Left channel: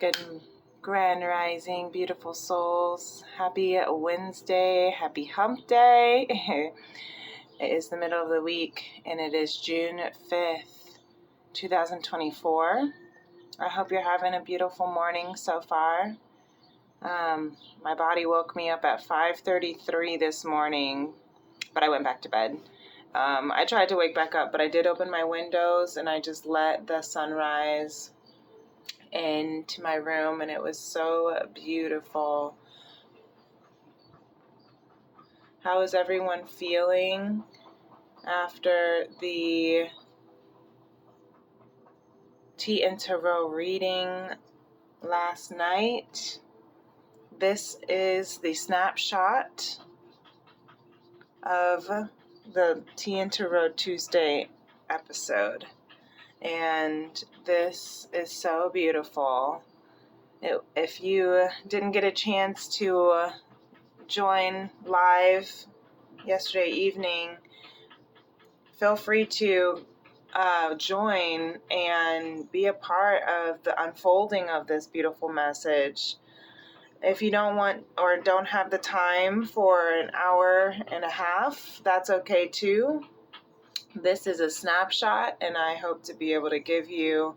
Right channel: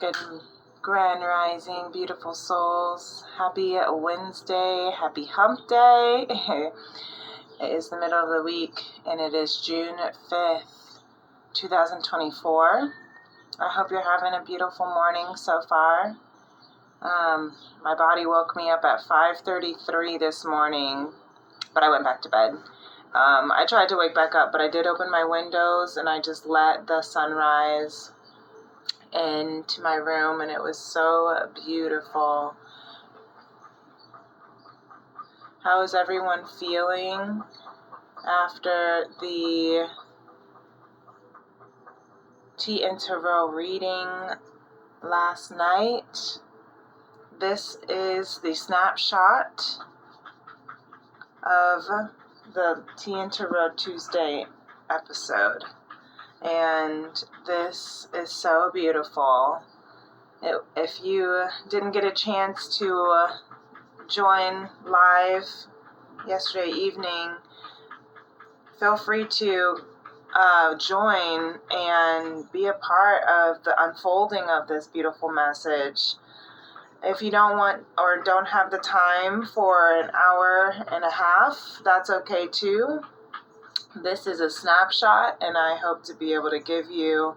Good grand rising, beautiful souls. Happy Wednesday, happy hump day. It is the middle of the week and it is June 5th, 2024. I hope you're having a beautiful morning so far. My body woke me up at 5:33 this morning, but I went back to bed. I tried to wake back up, but I did open my windows and I just let the sunrise into my room, and it was so beautiful. How is everyone feeling after the tea and tarot reading last night? This is the snapshot of the Tea and Tarot Tuesday episode. And this is so beautiful. If you didn't get a chance to join live yesterday evening, feel free to join and be a part of the unfolding of this beautiful message. If you don't want or don't have the time for an hour and a half, that's okay too. This is a snapshot, and I hope to be able to give you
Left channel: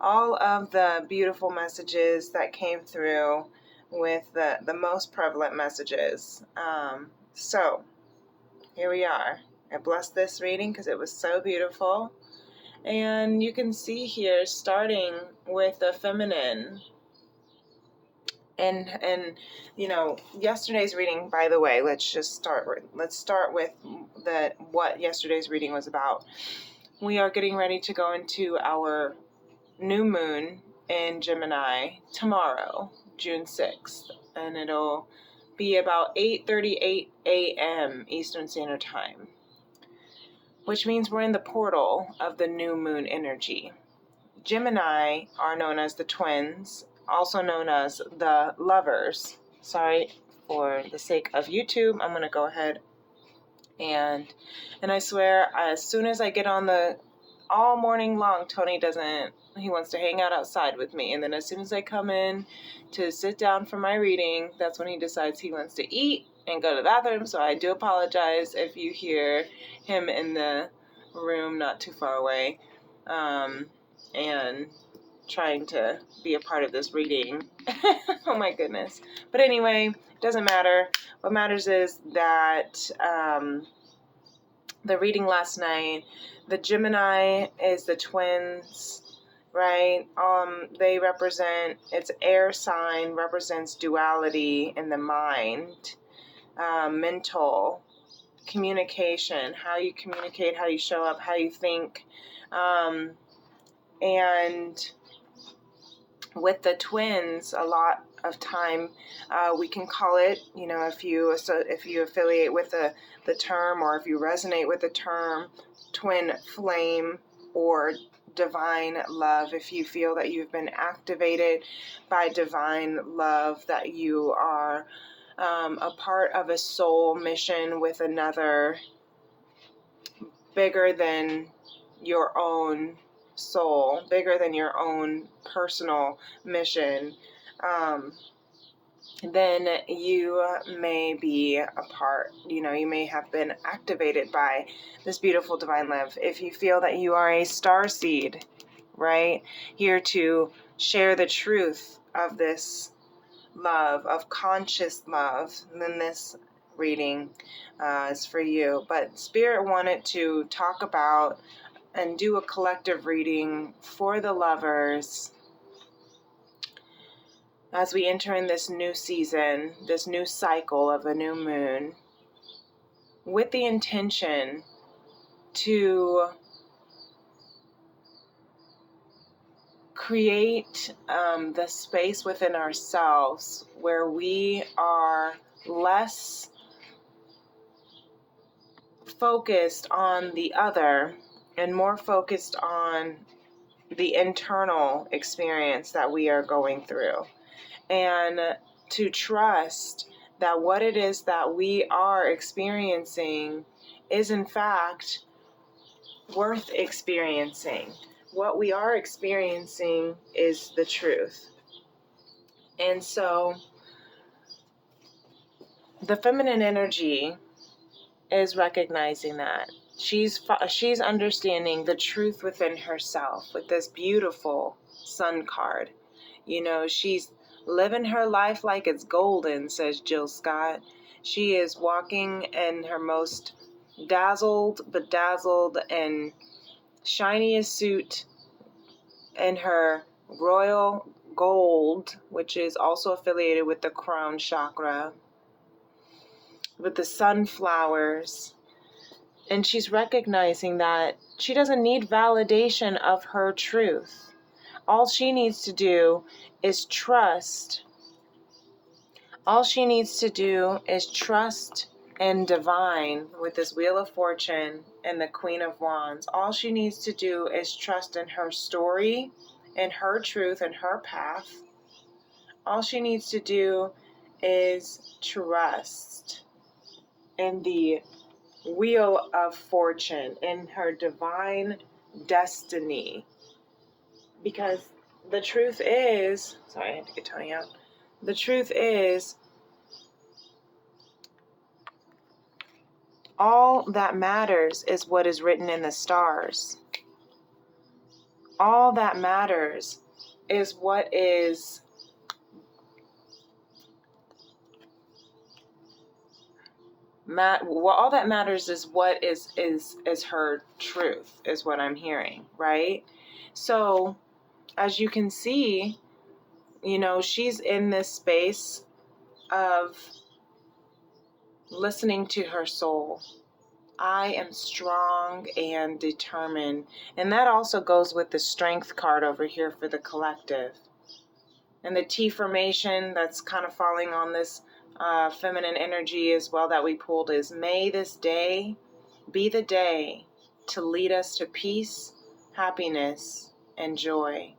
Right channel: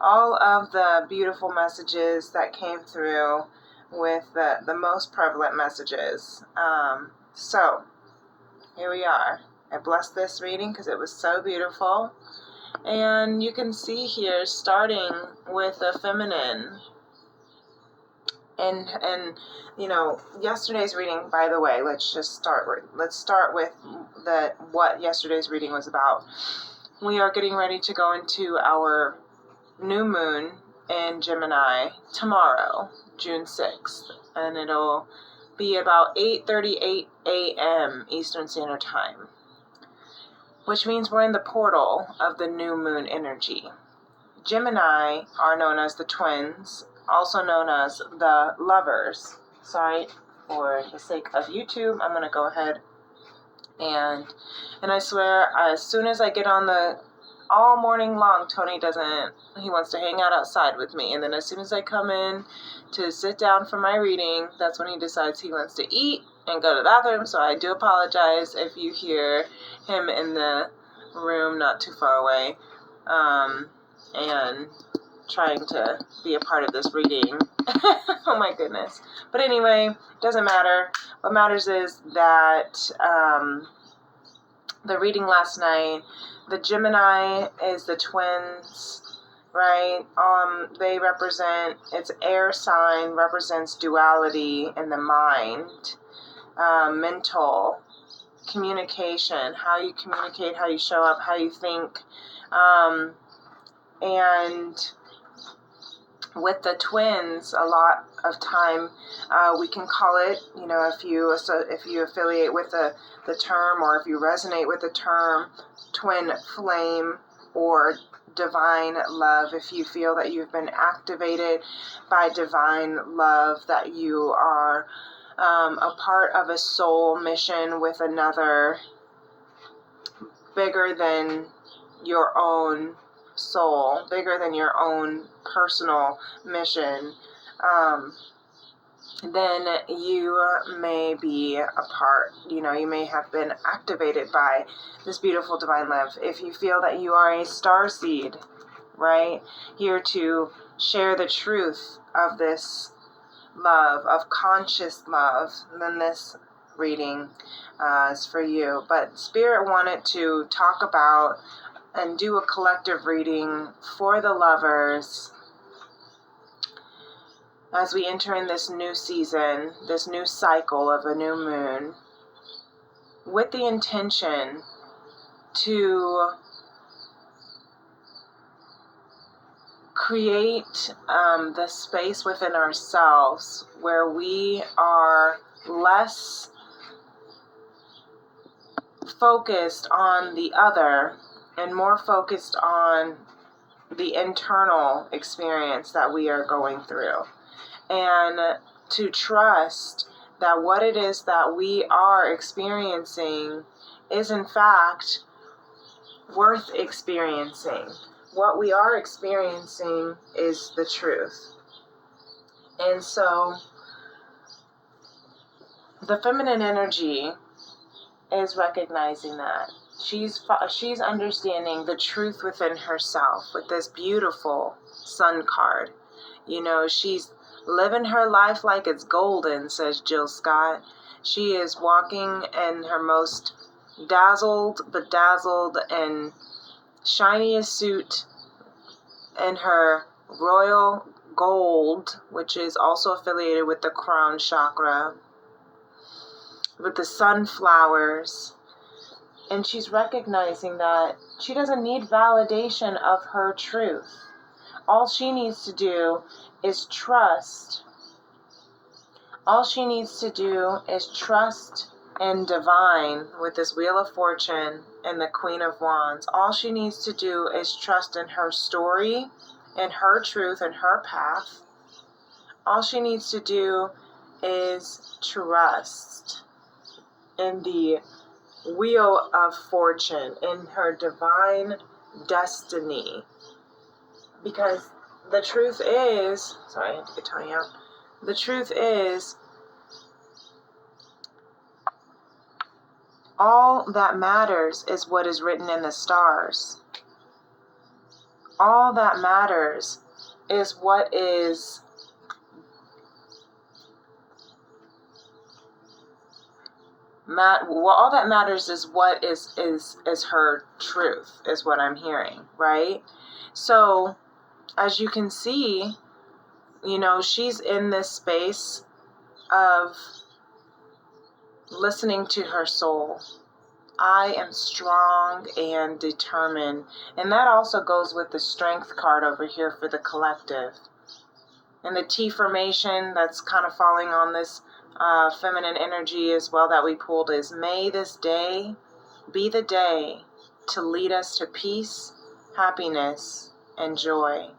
all of the beautiful messages that came through with the most prevalent messages. So here we are. I blessed this reading because it was so beautiful. And you can see here, starting with the feminine. And you know, yesterday's reading, by the way, let's start with what yesterday's reading was about. We are getting ready to go into our new moon in Gemini tomorrow, June 6th, and it'll be about 8:38 a.m. Eastern Standard Time, which means we're in the portal of the new moon energy. Gemini are known as the twins, also known as the lovers. Sorry, for the sake of YouTube, I'm going to go ahead and I swear, as soon as I get on all morning long, Tony he wants to hang out outside with me. And then as soon as I come in to sit down for my reading, that's when he decides he wants to eat and go to the bathroom. So I do apologize if you hear him in the room not too far away. And trying to be a part of this reading. Oh my goodness. But anyway, doesn't matter. What matters is that the reading last night, the Gemini is the twins, right? They represent, its air sign represents duality in the mind, mental communication, how you communicate, how you show up, how you think, and with the twins, a lot of time we can call it, you know, if you affiliate with the term, or if you resonate with the term twin flame or divine love, if you feel that you've been activated by divine love, that you are a part of a soul mission with another bigger than your own soul, bigger than your own personal mission, then you may be a part, you know, you may have been activated by this beautiful divine love. If you feel that you are a starseed, right, here to share the truth of this love, of conscious love, then this reading is for you. But Spirit wanted to talk about and do a collective reading for the lovers as we enter in this new season, this new cycle of a new moon, with the intention to create the space within ourselves where we are less focused on the other and more focused on the internal experience that we are going through, and to trust that what it is that we are experiencing is in fact worth experiencing. What we are experiencing is the truth. And so the feminine energy is recognizing that. She's understanding the truth within herself with this beautiful sun card. You know, she's living her life like it's golden, says Jill Scott. She is walking in her most bedazzled, and shiniest suit in her royal gold, which is also affiliated with the crown chakra, with the sunflowers. And she's recognizing that she doesn't need validation of her truth. All she needs to do is trust. All she needs to do is trust in divine with this Wheel of Fortune and the Queen of Wands. All she needs to do is trust in her story, in her truth, and her path. All she needs to do is trust in the Wheel of Fortune, in her divine destiny. Because the truth is, sorry, I had to get Tony out. The truth is, all that matters is what is written in the stars. All that matters is what is all that matters is what is her truth, is what I'm hearing, right? So as you can see, you know, she's in this space of listening to her soul. I am strong and determined. And that also goes with the strength card over here for the collective. And the T formation that's kind of falling on this feminine energy as well that we pulled is, may this day be the day to lead us to peace, happiness, and joy.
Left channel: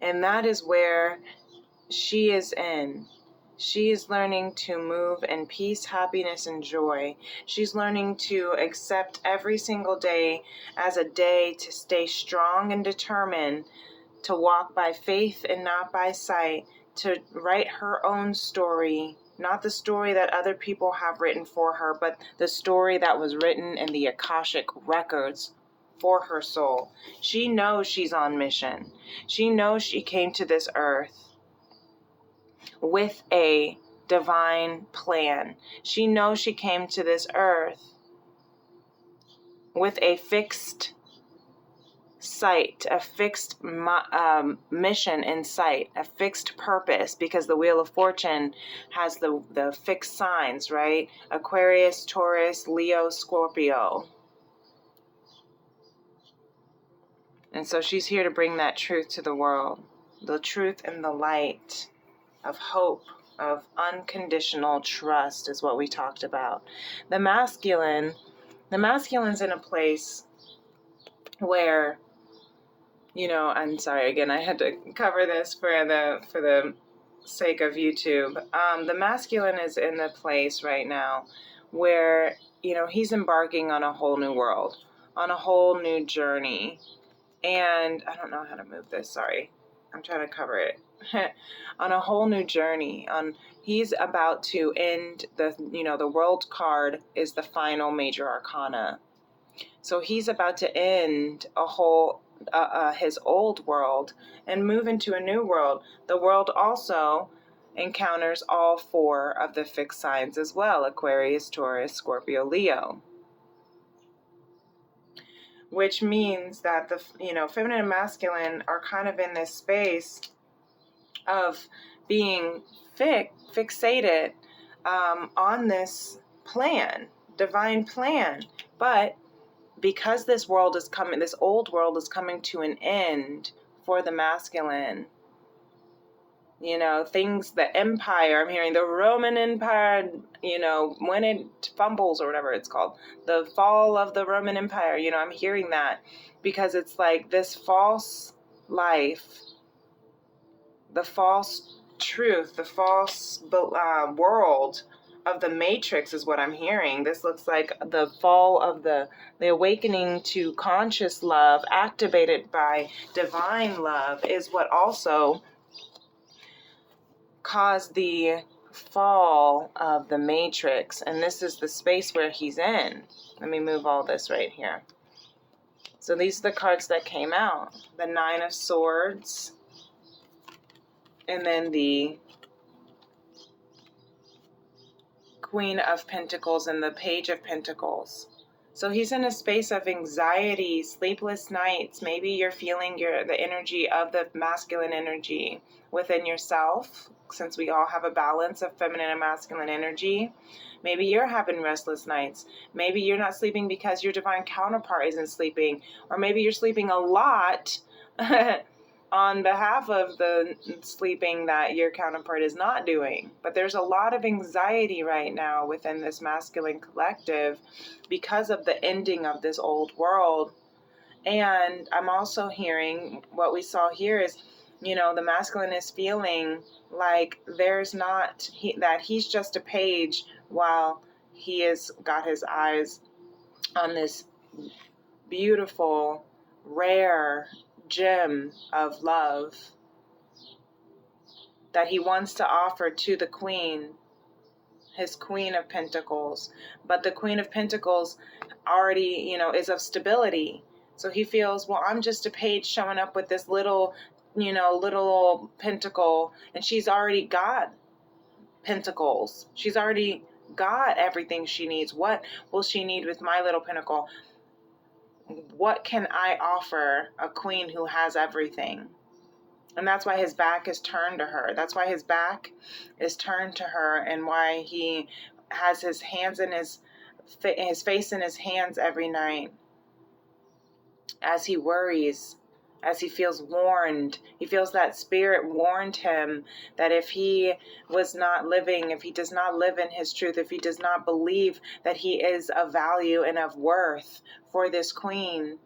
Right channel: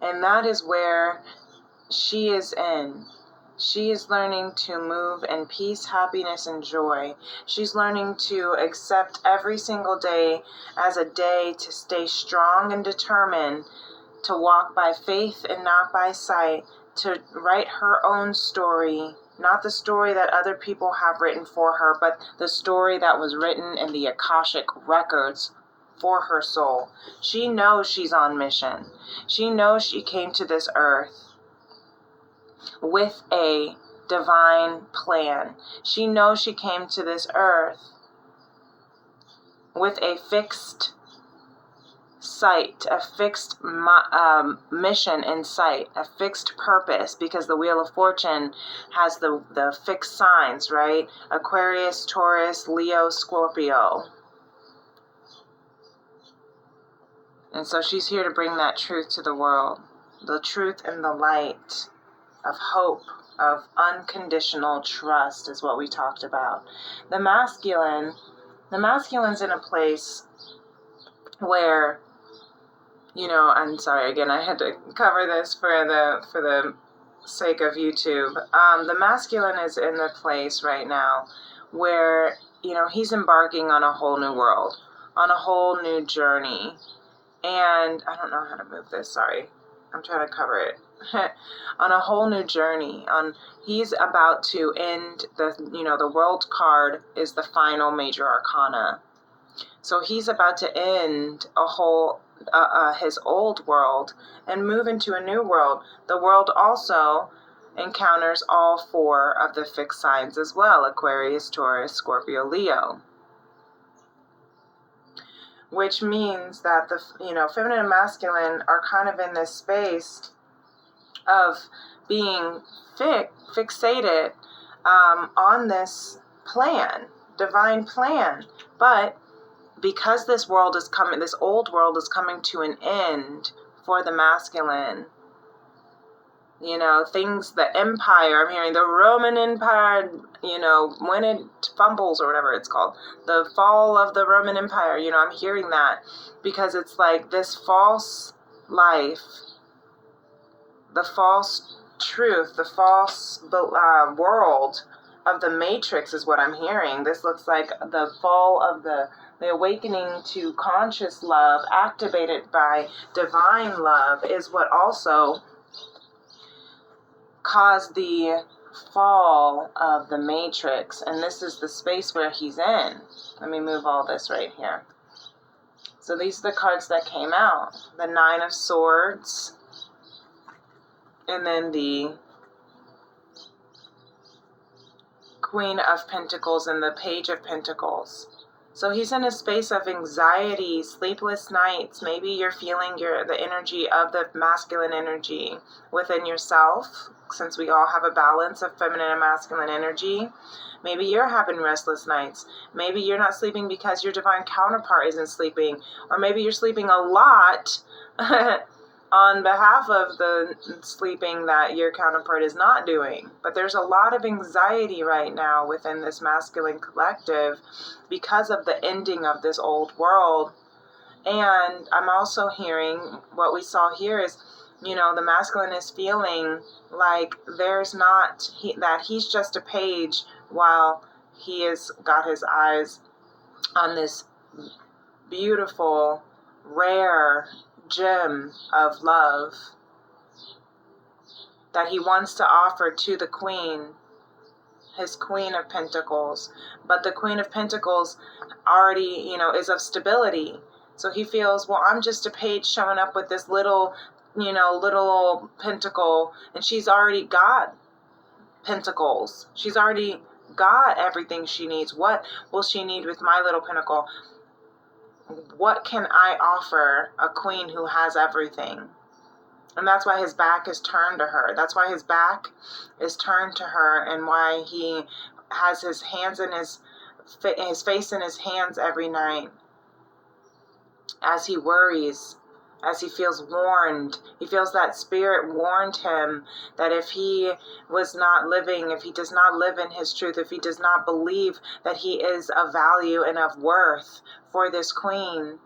And that is where she is in. She is learning to move in peace, happiness, and joy. She's learning to accept every single day as a day to stay strong and determined, to walk by faith and not by sight, to write her own story, not the story that other people have written for her, but the story that was written in the Akashic records for her soul. She knows she's on mission. She knows she came to this earth with a divine plan. She knows she came to this earth with a fixed sight, a fixed mission in sight, a fixed purpose, because the Wheel of Fortune has the fixed signs, right? Aquarius, Taurus, Leo, Scorpio. And so she's here to bring that truth to the world, the truth and the light of hope, of unconditional trust is what we talked about. The masculine's in a place where, you know, I'm sorry, again, I had to cover this for the sake of YouTube. The masculine is in the place right now where, you know, he's embarking on a whole new world, on a whole new journey. And I don't know how to move this, sorry. I'm trying to cover it. On a whole new journey. He's about to end the world card is the final major arcana. So he's about to end a whole his old world and move into a new world. The world also encounters all four of the fixed signs as well: Aquarius, Taurus, Scorpio, Leo. Which means that the feminine and masculine are kind of in this space of being fixated on this plan, divine plan. But because this old world is coming to an end for the masculine, you know, the empire, I'm hearing the Roman Empire, you know, when it fumbles or whatever it's called, the fall of the Roman Empire, you know, I'm hearing that because it's like this false life, the false truth, the false world of the matrix is what I'm hearing. This looks like the fall of the awakening to conscious love activated by divine love is what also caused the fall of the matrix. And this is the space where he's in. Let me move all this right here. So these are the cards that came out. The Nine of Swords, and then the Queen of Pentacles and the Page of Pentacles. So he's in a space of anxiety, sleepless nights. Maybe you're feeling the energy of the masculine energy within yourself, since we all have a balance of feminine and masculine energy. Maybe you're having restless nights. Maybe you're not sleeping because your divine counterpart isn't sleeping. Or maybe you're sleeping a lot on behalf of the sleeping that your counterpart is not doing. But there's a lot of anxiety right now within this masculine collective because of the ending of this old world. And I'm also hearing what we saw here is, the masculine is feeling like there's not, that he's just a page while he has got his eyes on this beautiful, rare gem of love that he wants to offer to the queen, his Queen of Pentacles. But the Queen of Pentacles already, is of stability. So he feels, well, I'm just a page showing up with this little pentacle, and she's already got pentacles. She's already got everything she needs. What will she need with my little pentacle? What can I offer a queen who has everything? And that's why his back is turned to her. That's why his back is turned to her, and why he has his hands in his face in his hands every night as he worries, as he feels warned. He feels that spirit warned him that if he does not live in his truth, if he does not believe that he is of value and of worth for this queen,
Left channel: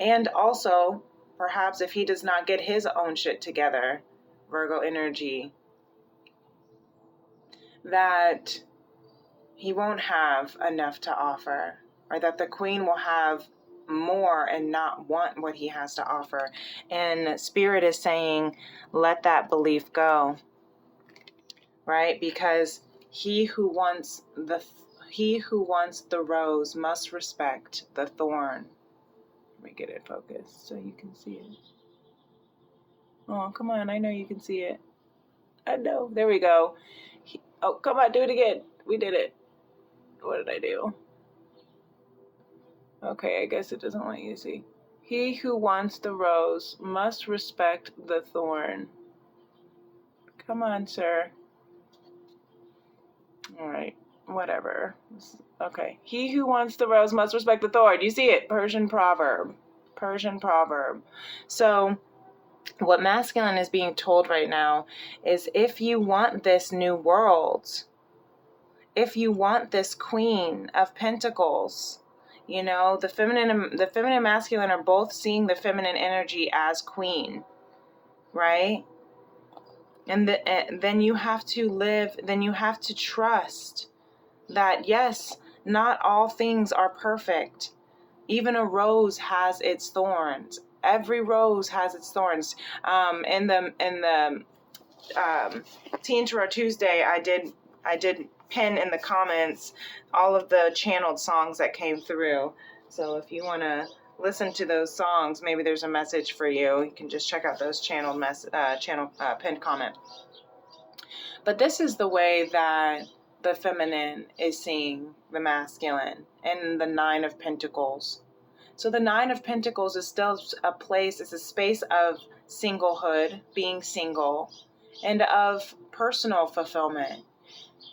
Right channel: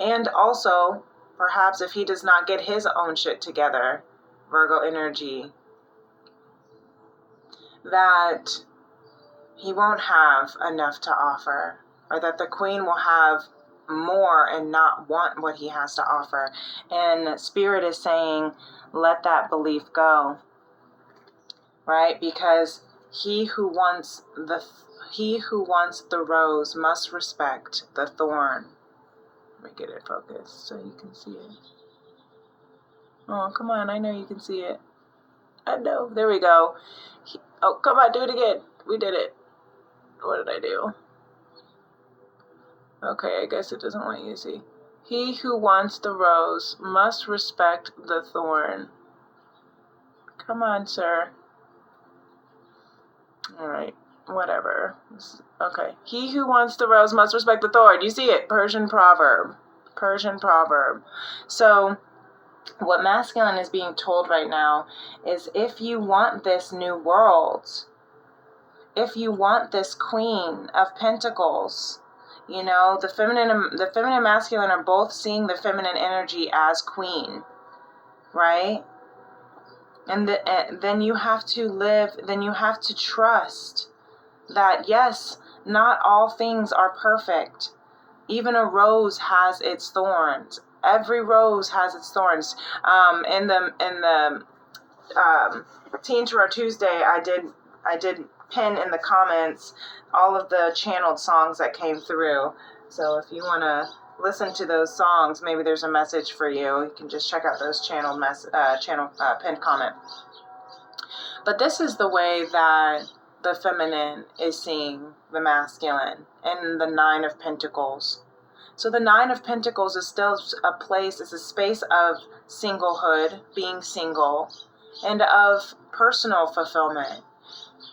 and also perhaps if he does not get his own shit together, Virgo energy, that he won't have enough to offer, or that the queen will have more and not want what he has to offer. And Spirit is saying, let that belief go, right? Because he who wants the rose must respect the thorn. Let me get it focused so you can see it. Oh, come on, I know you can see it. I know. There we go. Oh, come on, do it again. We did it. What did I do? Okay, I guess it doesn't let you see. He who wants the rose must respect the thorn. Come on, sir. Alright, whatever. Okay. He who wants the rose must respect the thorn. You see it? Persian proverb. So, what masculine is being told right now is, if you want this new world, if you want this Queen of Pentacles, the feminine and masculine are both seeing the feminine energy as queen, right? And then you have to trust that, yes, not all things are perfect. Even a rose has its thorns. Every rose has its thorns. In the Teen Tarot Tuesday, I did pin in the comments all of the channeled songs that came through. So if you want to listen to those songs, maybe there's a message for you. You can just check out those channeled pinned comment. But this is the way that the feminine is seeing the masculine and the Nine of Pentacles. So the Nine of Pentacles is still it's a space of singlehood, being single, and of personal fulfillment.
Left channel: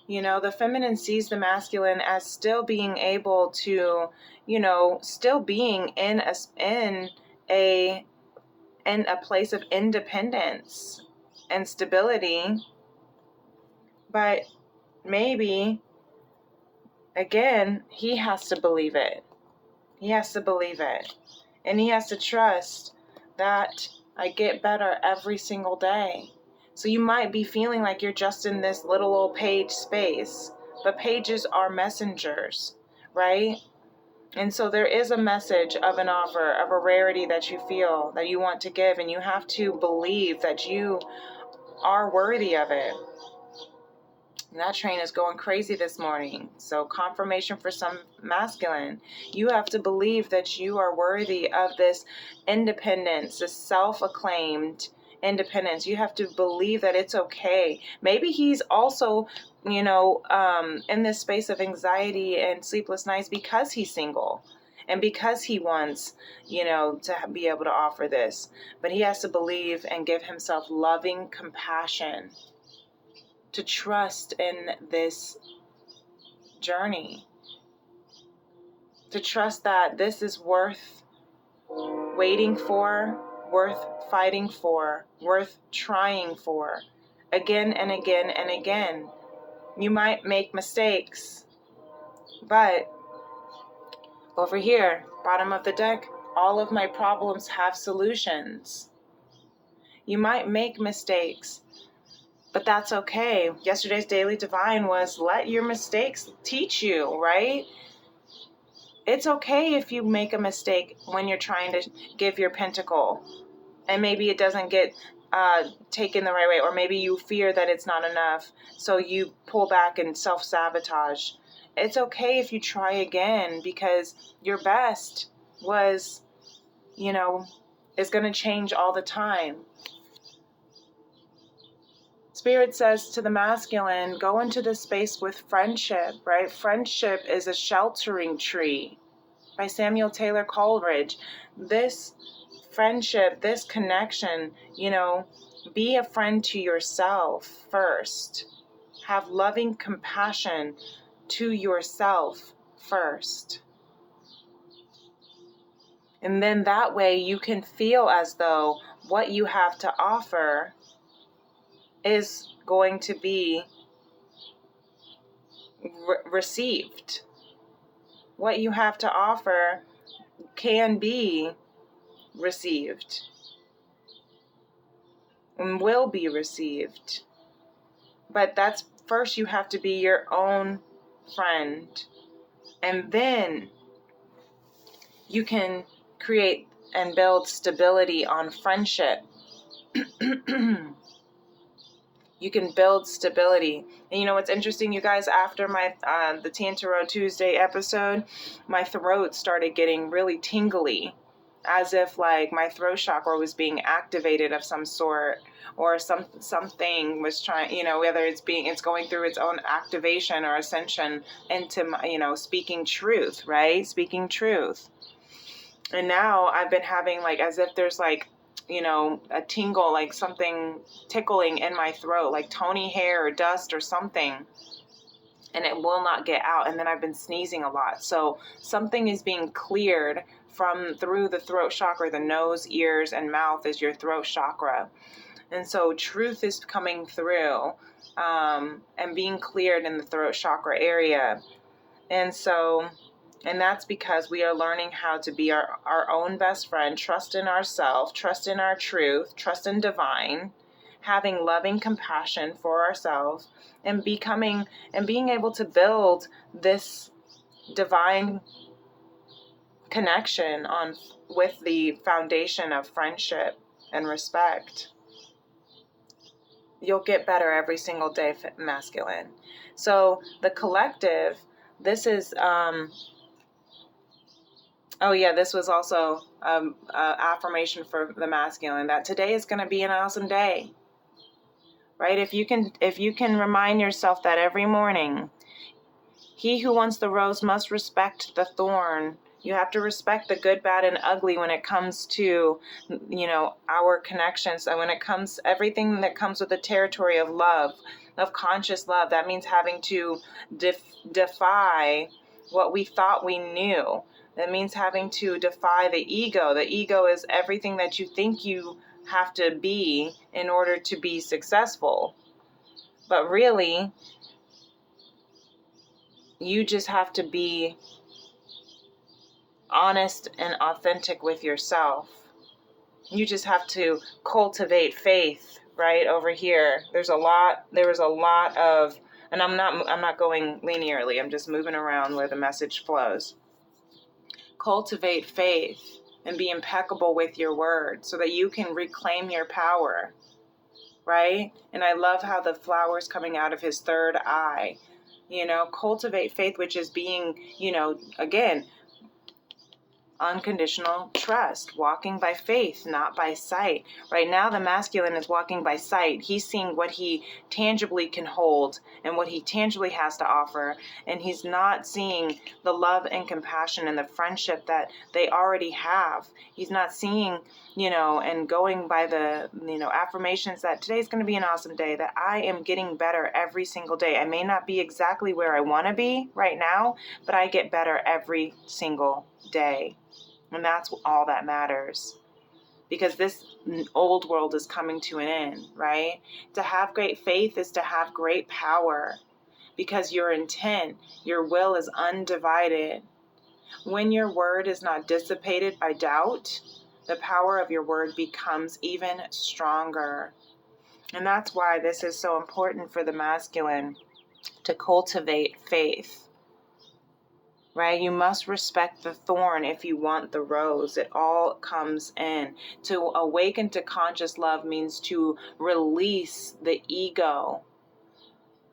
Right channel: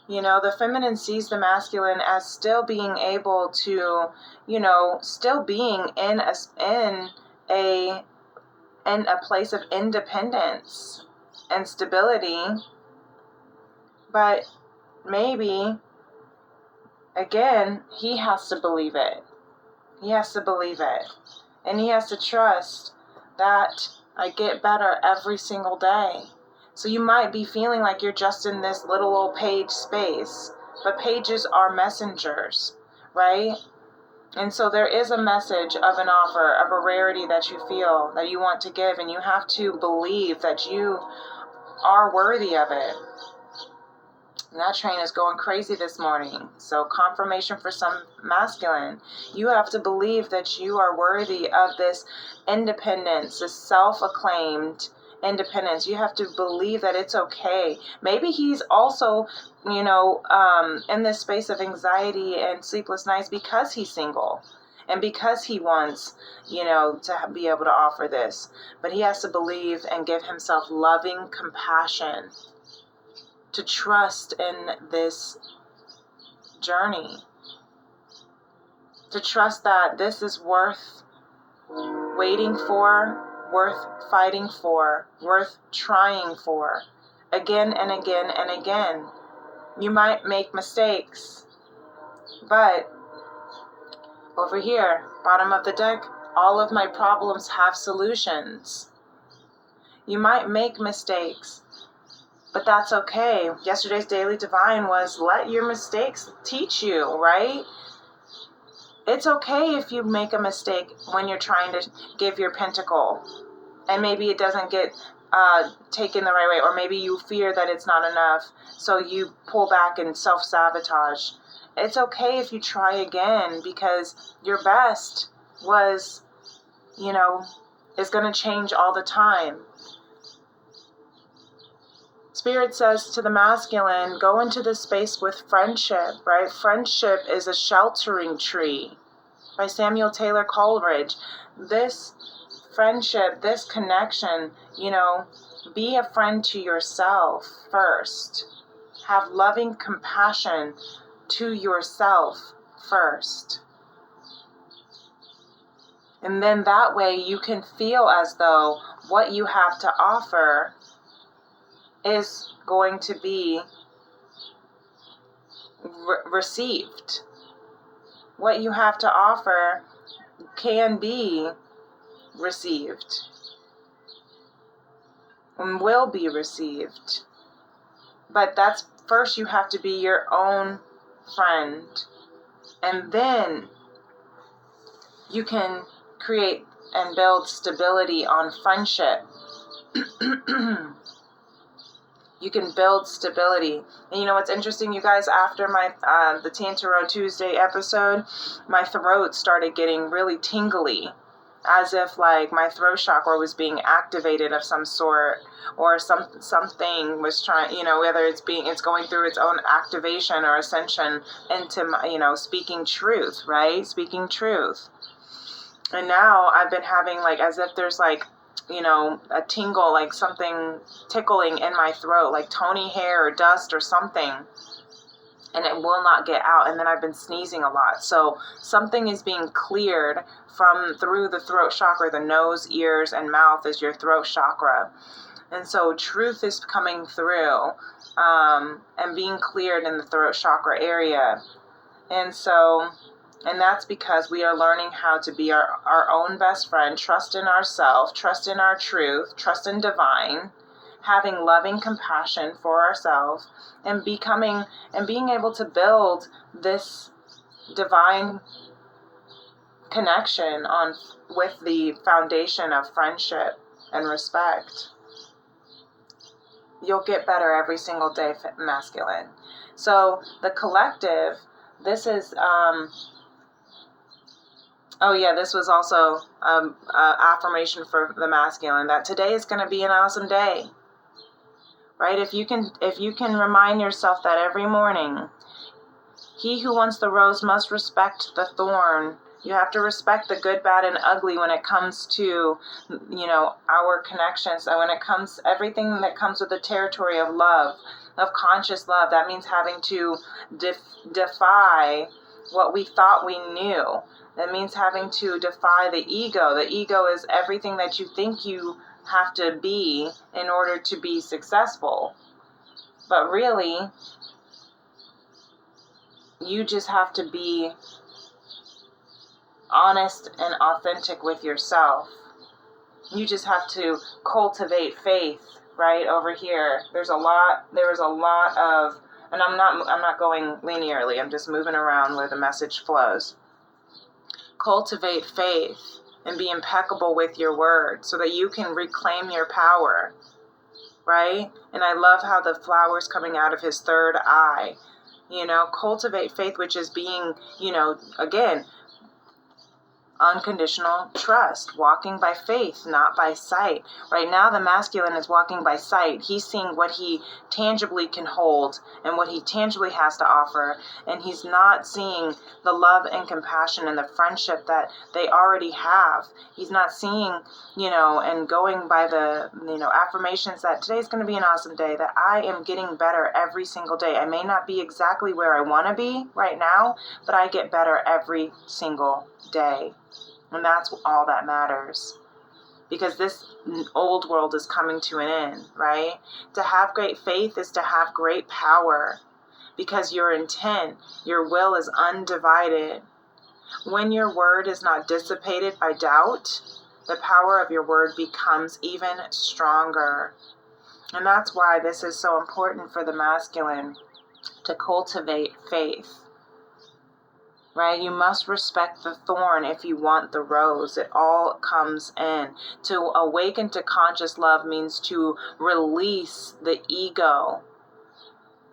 The feminine sees the masculine as still being able to, still being in a place of independence and stability. But maybe, again, he has to believe it. He has to believe it. And he has to trust that I get better every single day. So you might be feeling like you're just in this little old page space, but pages are messengers, right? And so there is a message of an offer, of a rarity that you feel that you want to give, and you have to believe that you are worthy of it. And that train is going crazy this morning. So confirmation for some masculine. You have to believe that you are worthy of this independence, this self-acclaimed independence. You have to believe that it's okay. Maybe he's also, in this space of anxiety and sleepless nights because he's single and because he wants, to be able to offer this. But he has to believe and give himself loving compassion to trust in this journey, to trust that this is worth waiting for, worth fighting for, worth trying for, again and again and again. You might make mistakes, but over here, bottom of the deck, all of my problems have solutions. You might make mistakes, but that's okay. Yesterday's Daily Divine was let your mistakes teach you, right? It's okay if you make a mistake when you're trying to give your pentacle and maybe it doesn't get taken the right way, or maybe you fear that it's not enough, so you pull back and self-sabotage. It's okay if you try again, because your best was, is going to change all the time. Spirit says to the masculine, go into this space with friendship, right? Friendship is a sheltering tree by Samuel Taylor Coleridge. This friendship, this connection, be a friend to yourself first. Have loving compassion to yourself first. And then that way you can feel as though what you have to offer is going to be received. What you have to offer can be received and will be received. But that's first, you have to be your own friend, and then you can create and build stability on friendship. You can build stability. And you know what's interesting, you guys, after my the Tantaro Tuesday episode, my throat started getting really tingly, as if like my throat chakra was being activated of some sort, or something was trying, whether it's going through its own activation or ascension into my, speaking truth, right? Speaking truth. And now I've been having like, as if there's like, a tingle, like something tickling in my throat, like Tony hair or dust or something, and it will not get out. And then I've been sneezing a lot. So something is being cleared through the throat chakra. The nose, ears, and mouth is your throat chakra. And so truth is coming through and being cleared in the throat chakra area. And that's because we are learning how to be our own best friend, trust in ourselves, trust in our truth, trust in divine, having loving compassion for ourselves, and being able to build this divine connection with the foundation of friendship and respect. You'll get better every single day, masculine. So the collective, this is this was also affirmation for the masculine, that today is going to be an awesome day, right? If you can remind yourself that every morning, he who wants the rose must respect the thorn. You have to respect the good, bad, and ugly when it comes to, our connections. And when it comes, everything that comes with the territory of love, of conscious love, that means having to defy what we thought we knew. That means having to defy the ego. The ego is everything that you think you have to be in order to be successful. But really, you just have to be honest and authentic with yourself. You just have to cultivate faith, right? Over here, there was a lot of And I'm not going linearly. I'm just moving around where the message flows. Cultivate faith and be impeccable with your word so that you can reclaim your power, right? And I love how the flower's coming out of his third eye. Cultivate faith, which is being, again, unconditional trust, walking by faith, not by sight. Right now, the masculine is walking by sight. He's seeing what he tangibly can hold and what he tangibly has to offer, and he's not seeing the love and compassion and the friendship that they already have. He's not seeing, and going by the, affirmations that today's going to be an awesome day, that I am getting better every single day. I may not be exactly where I want to be right now, but I get better every single day. And that's all that matters, because this old world is coming to an end, right? To have great faith is to have great power, because your intent, your will is undivided. When your word is not dissipated by doubt, the power of your word becomes even stronger. And that's why this is so important for the masculine, to cultivate faith. Right? You must respect the thorn if you want the rose. It all comes in. To awaken to conscious love means to release the ego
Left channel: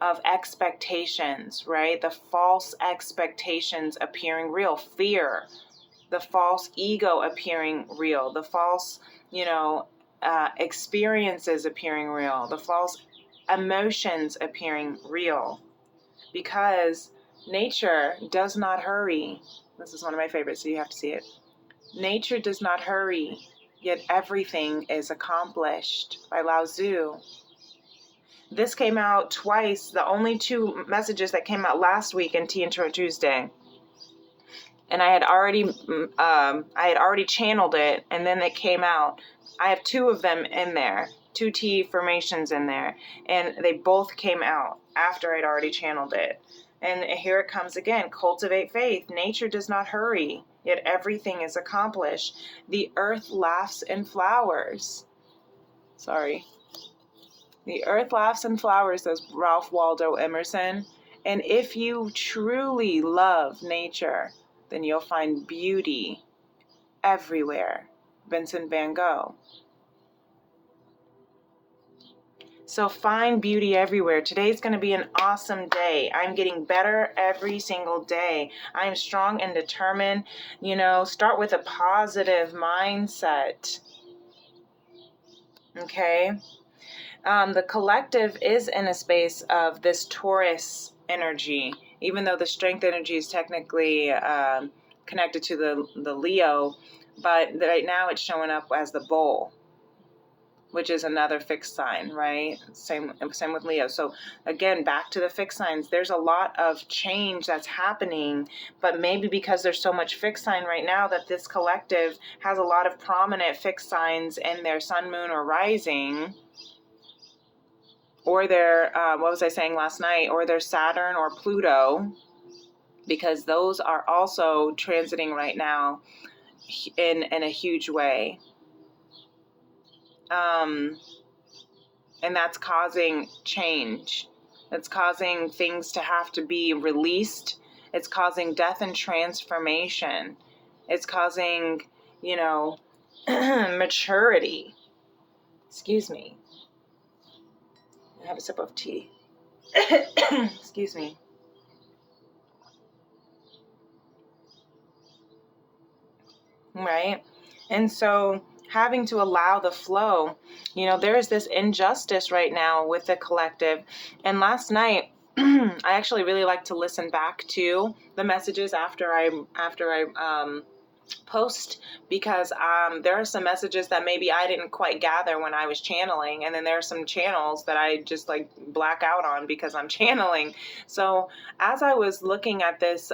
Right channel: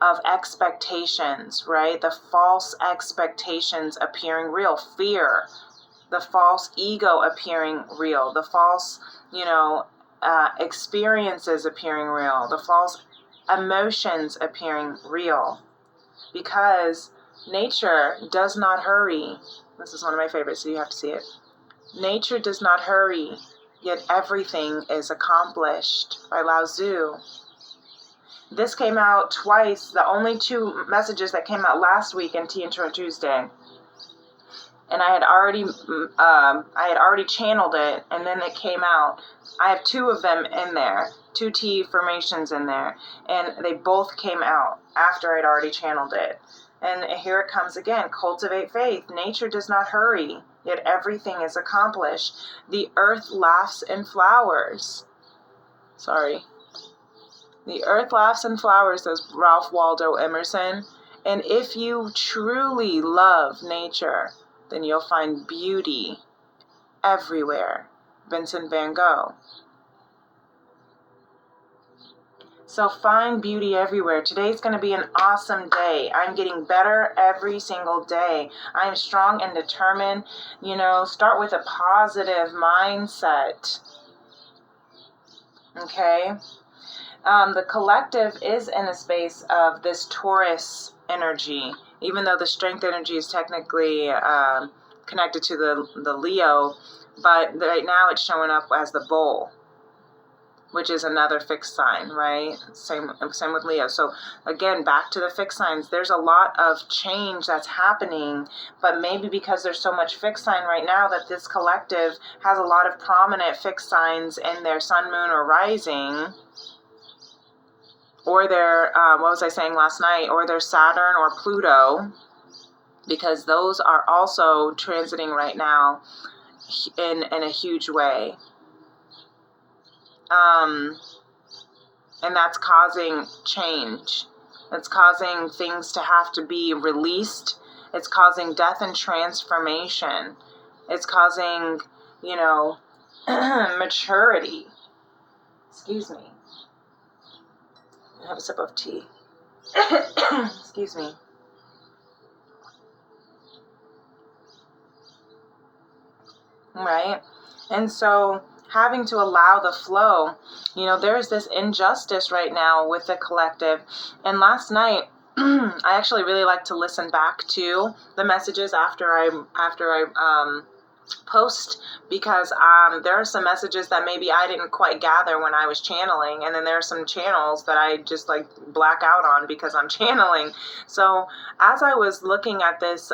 of expectations, right? The false expectations appearing real. Fear. The false ego appearing real. The false, experiences appearing real. The false emotions appearing real. Because nature does not hurry. This is one of my favorites, so you have to see it. Nature does not hurry, yet everything is accomplished, by Lao Tzu. This came out twice, the only two messages that came out last week in Tea and Tarot Tuesday. And I had already channeled it, and then it came out. I have two of them in there, 2 T formations in there, and they both came out after I'd already channeled it. And here it comes again. Cultivate faith. Nature does not hurry, yet everything is accomplished. The earth laughs and flowers. The earth laughs and flowers, says Ralph Waldo Emerson. And if you truly love nature, then you'll find beauty everywhere. Vincent van Gogh. So find beauty everywhere. Today's going to be an awesome day. I'm getting better every single day. I'm strong and determined. Start with a positive mindset. Okay? The collective is in a space of this Taurus energy, even though the strength energy is technically connected to the Leo, but right now it's showing up as the bull, which is another fixed sign, right? Same with Leo. So again, back to the fixed signs. There's a lot of change that's happening, but maybe because there's so much fixed sign right now that this collective has a lot of prominent fixed signs in their sun, moon, or rising, or their, what was I saying last night, or their Saturn or Pluto, because those are also transiting right now in a huge way. And that's causing change. It's causing things to have to be released. It's causing death and transformation. It's causing, maturity. Excuse me. I have a sip of tea. Excuse me. Right? And so having to allow the flow, there's this injustice right now with the collective. And last night, I actually really like to listen back to the messages after I post, because there are some messages that maybe I didn't quite gather when I was channeling, and then there are some channels that I just black out on because I'm channeling. So as I was looking at this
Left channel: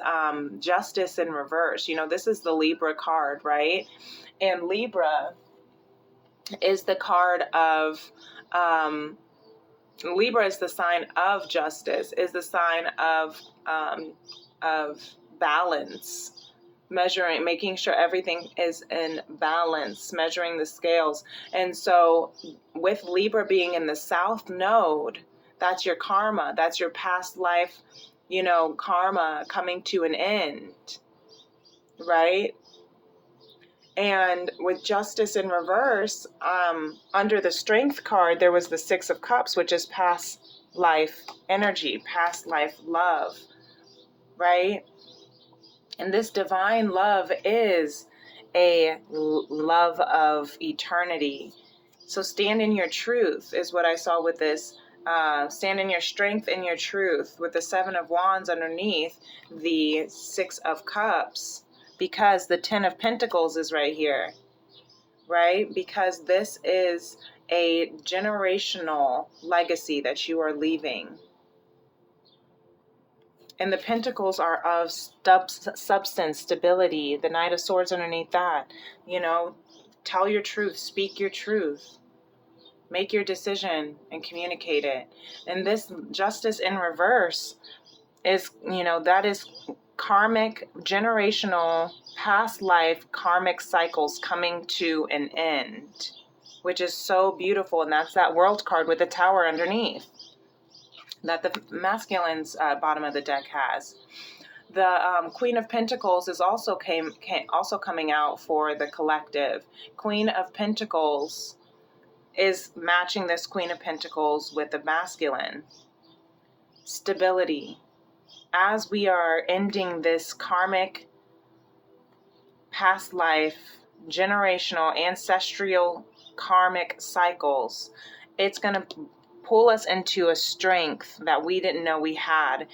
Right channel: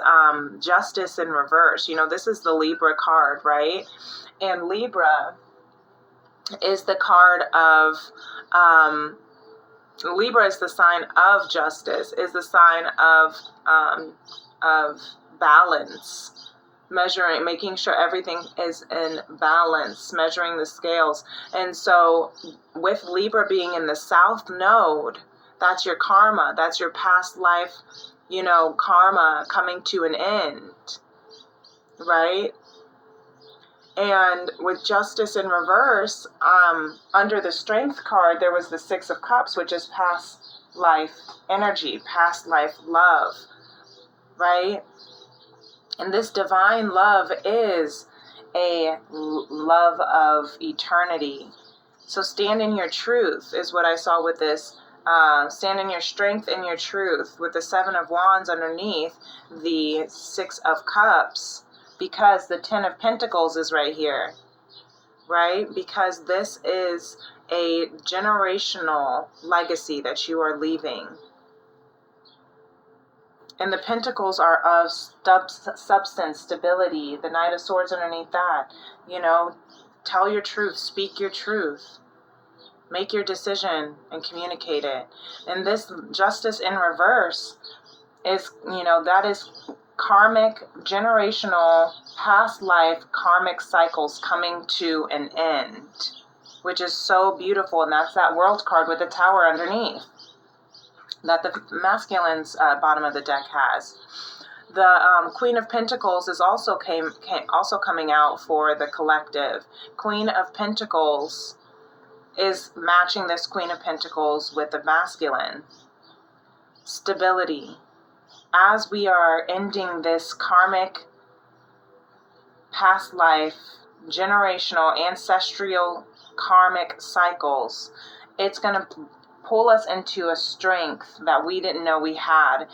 justice in reverse, this is the Libra card, right? And Libra is the card of Libra is the sign of justice, is the sign of balance. Measuring, making sure everything is in balance, measuring the scales. And so with Libra being in the South Node, That's your karma. That's your past life, karma coming to an end, right? And with justice in reverse, under the strength card, there was the Six of Cups, which is past life energy, past life love, right? And this divine love is a love of eternity. So stand in your truth is what I saw with this. Stand in your strength and your truth with the Seven of Wands underneath the Six of Cups, because the Ten of Pentacles is right here, right? Because this is a generational legacy that you are leaving. And the Pentacles are of substance, stability. The Knight of Swords underneath that. Tell your truth, speak your truth. Make your decision and communicate it. And this justice in reverse is, that is karmic, generational, past life, karmic cycles coming to an end, which is so beautiful. And that's that World card with the Tower underneath that the masculine's bottom of the deck has. The Queen of Pentacles is also also coming out for the collective. Queen of Pentacles is matching this Queen of Pentacles with the masculine. Stability. As we are ending this karmic, past life, generational, ancestral, karmic cycles, it's going to pull us into a strength that we didn't know we had.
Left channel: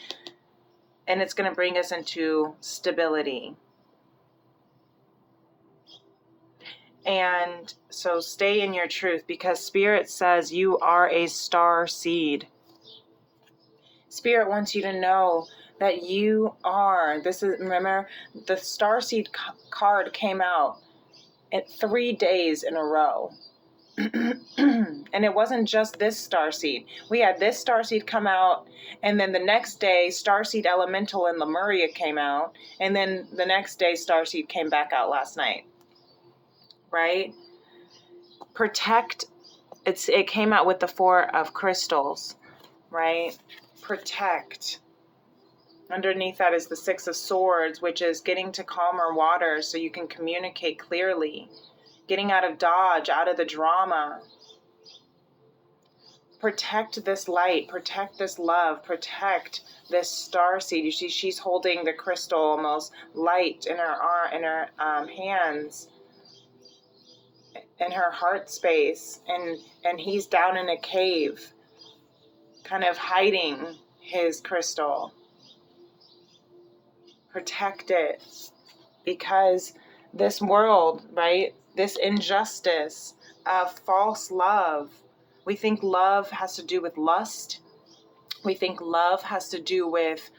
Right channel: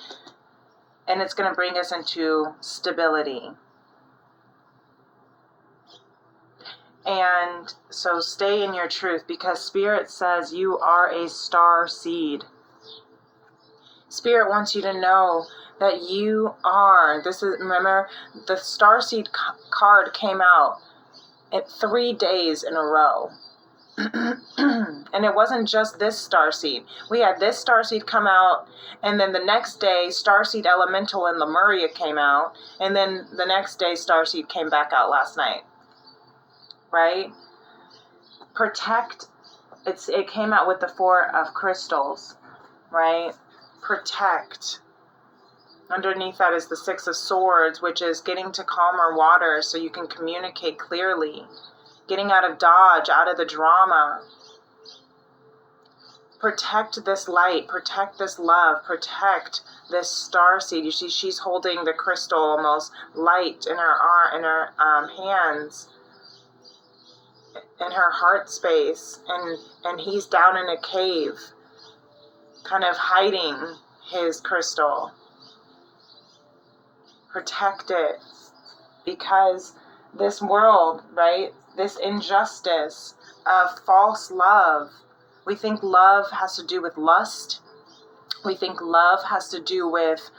And it's going to bring us into stability. And so stay in your truth, because Spirit says you are a star seed. Spirit wants you to know that you are. Remember, the star seed card came out at 3 days in a row. And it wasn't just this starseed. We had this starseed come out, and then the next day starseed elemental in Lemuria came out, and then the next day starseed came back out last night. Right? Protect. It came out with the Four of Crystals, right? Protect. Underneath that is the Six of Swords, which is getting to calmer waters so you can communicate clearly. Getting out of dodge, out of the drama. Protect this light, protect this love, protect this starseed. You see, she's holding the crystal, almost light in her hands, in her heart space, and he's down in a cave, kind of hiding his crystal. Protect it, because this world, right? This injustice of false love. We think love has to do with lust. We think love has to do with,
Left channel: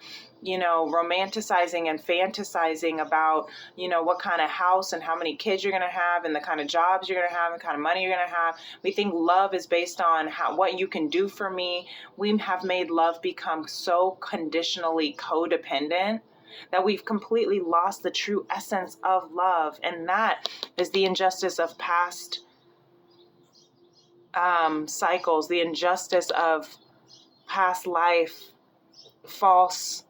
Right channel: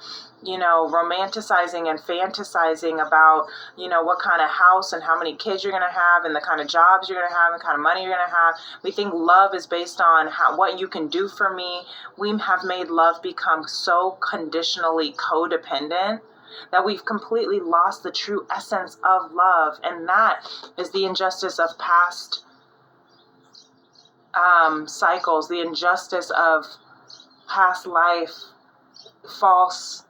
romanticizing and fantasizing about, what kind of house and how many kids you're going to have and the kind of jobs you're going to have and the kind of money you're going to have. We think love is based on what you can do for me. We have made love become so conditionally codependent that we've completely lost the true essence of love. And that is the injustice of past cycles, the injustice of past life, false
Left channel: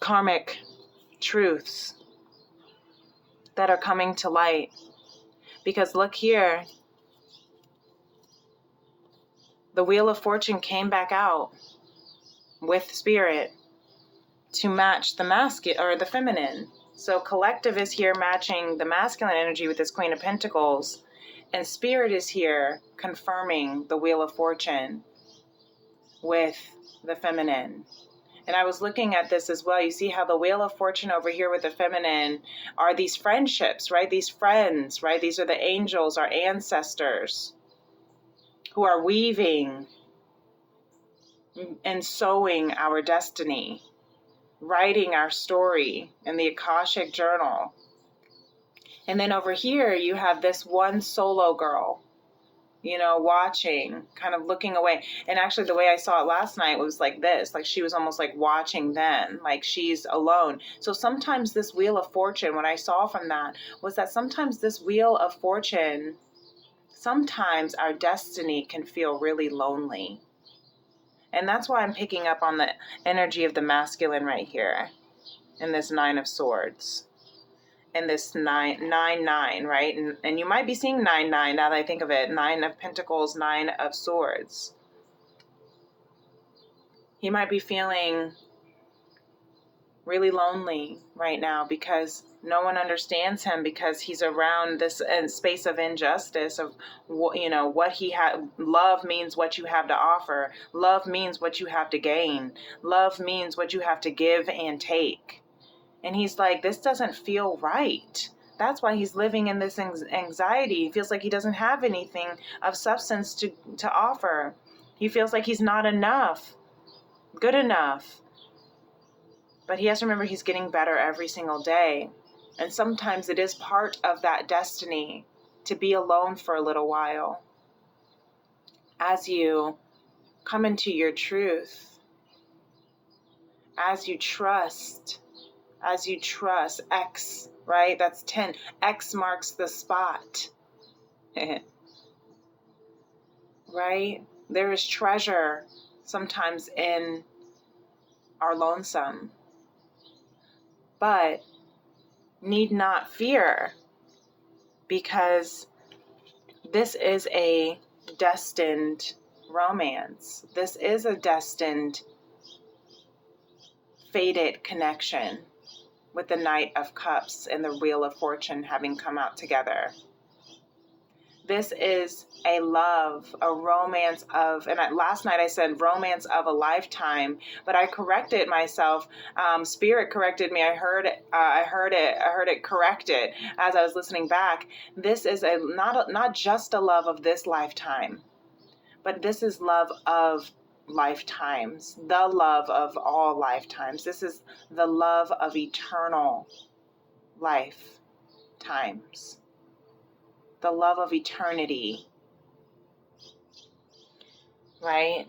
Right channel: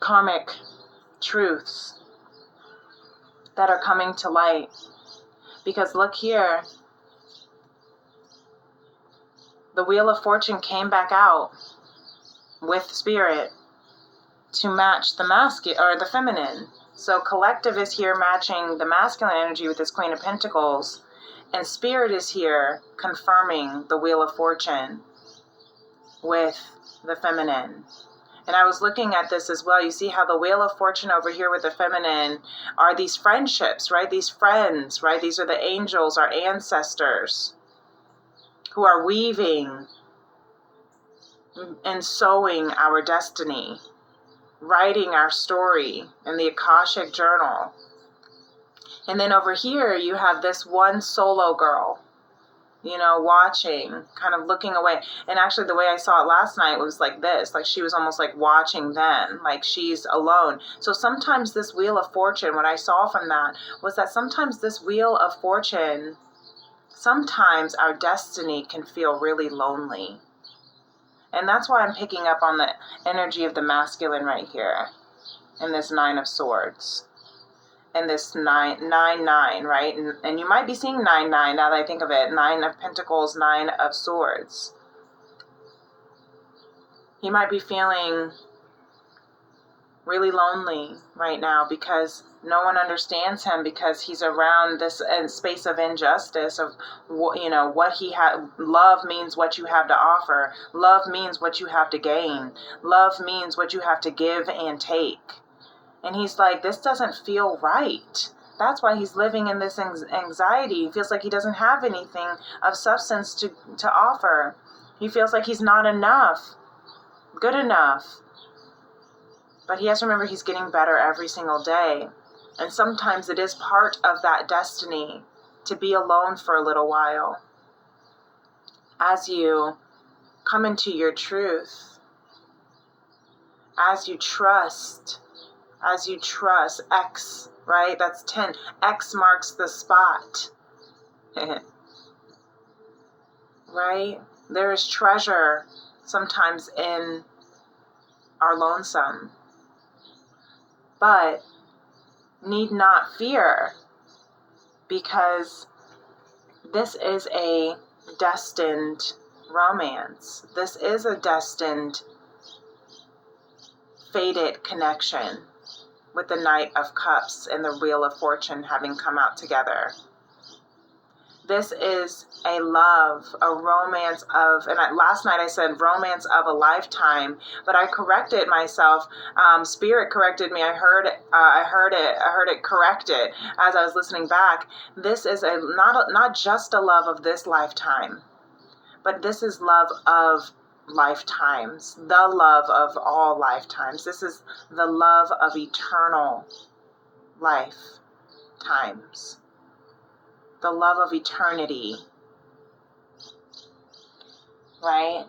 karmic truths that are coming to light. Because look here, the Wheel of Fortune came back out with Spirit to match the masculine or the feminine. So collective is here matching the masculine energy with this Queen of Pentacles, and Spirit is here confirming the Wheel of Fortune with the feminine. And I was looking at this as well. You see how the Wheel of Fortune over here with the feminine are these friendships, right? These friends, right? These are the angels, our ancestors, who are weaving and sewing our destiny, writing our story in the Akashic Journal. And then over here, you have this one solo girl, watching, kind of looking away. And actually, the way I saw it last night was like this, like she was almost like watching them, like she's alone. So sometimes this Wheel of Fortune, what I saw from that was that sometimes this Wheel of Fortune sometimes our destiny can feel really lonely. And that's why I'm picking up on the energy of the masculine right here in this 9 of Swords. And this 9, right? And you might be seeing 9 now that I think of it. 9 of Pentacles, 9 of Swords. He might be feeling really lonely right now because no one understands him, because he's around this space of injustice of, what he had. Love means what you have to offer. Love means what you have to gain. Love means what you have to give and take. And he's like, this doesn't feel right. That's why he's living in this anxiety. He feels like he doesn't have anything of substance to offer. He feels like he's not enough, good enough. But he has to remember he's getting better every single day. And sometimes it is part of that destiny to be alone for a little while. As you come into your truth, as you trust, X, right? That's 10. X marks the spot. Right? There is treasure sometimes in our lonesome. But need not fear, because this is a destined romance. This is a destined, fated connection with the Knight of Cups and the Wheel of Fortune having come out together. This is a love, a romance of, and last night I said romance of a lifetime, but I corrected myself. Spirit corrected me. I heard it corrected as I was listening back. This is not just a love of this lifetime, but this is love of lifetimes, the love of all lifetimes. This is the love of eternal lifetimes. The love of eternity, right?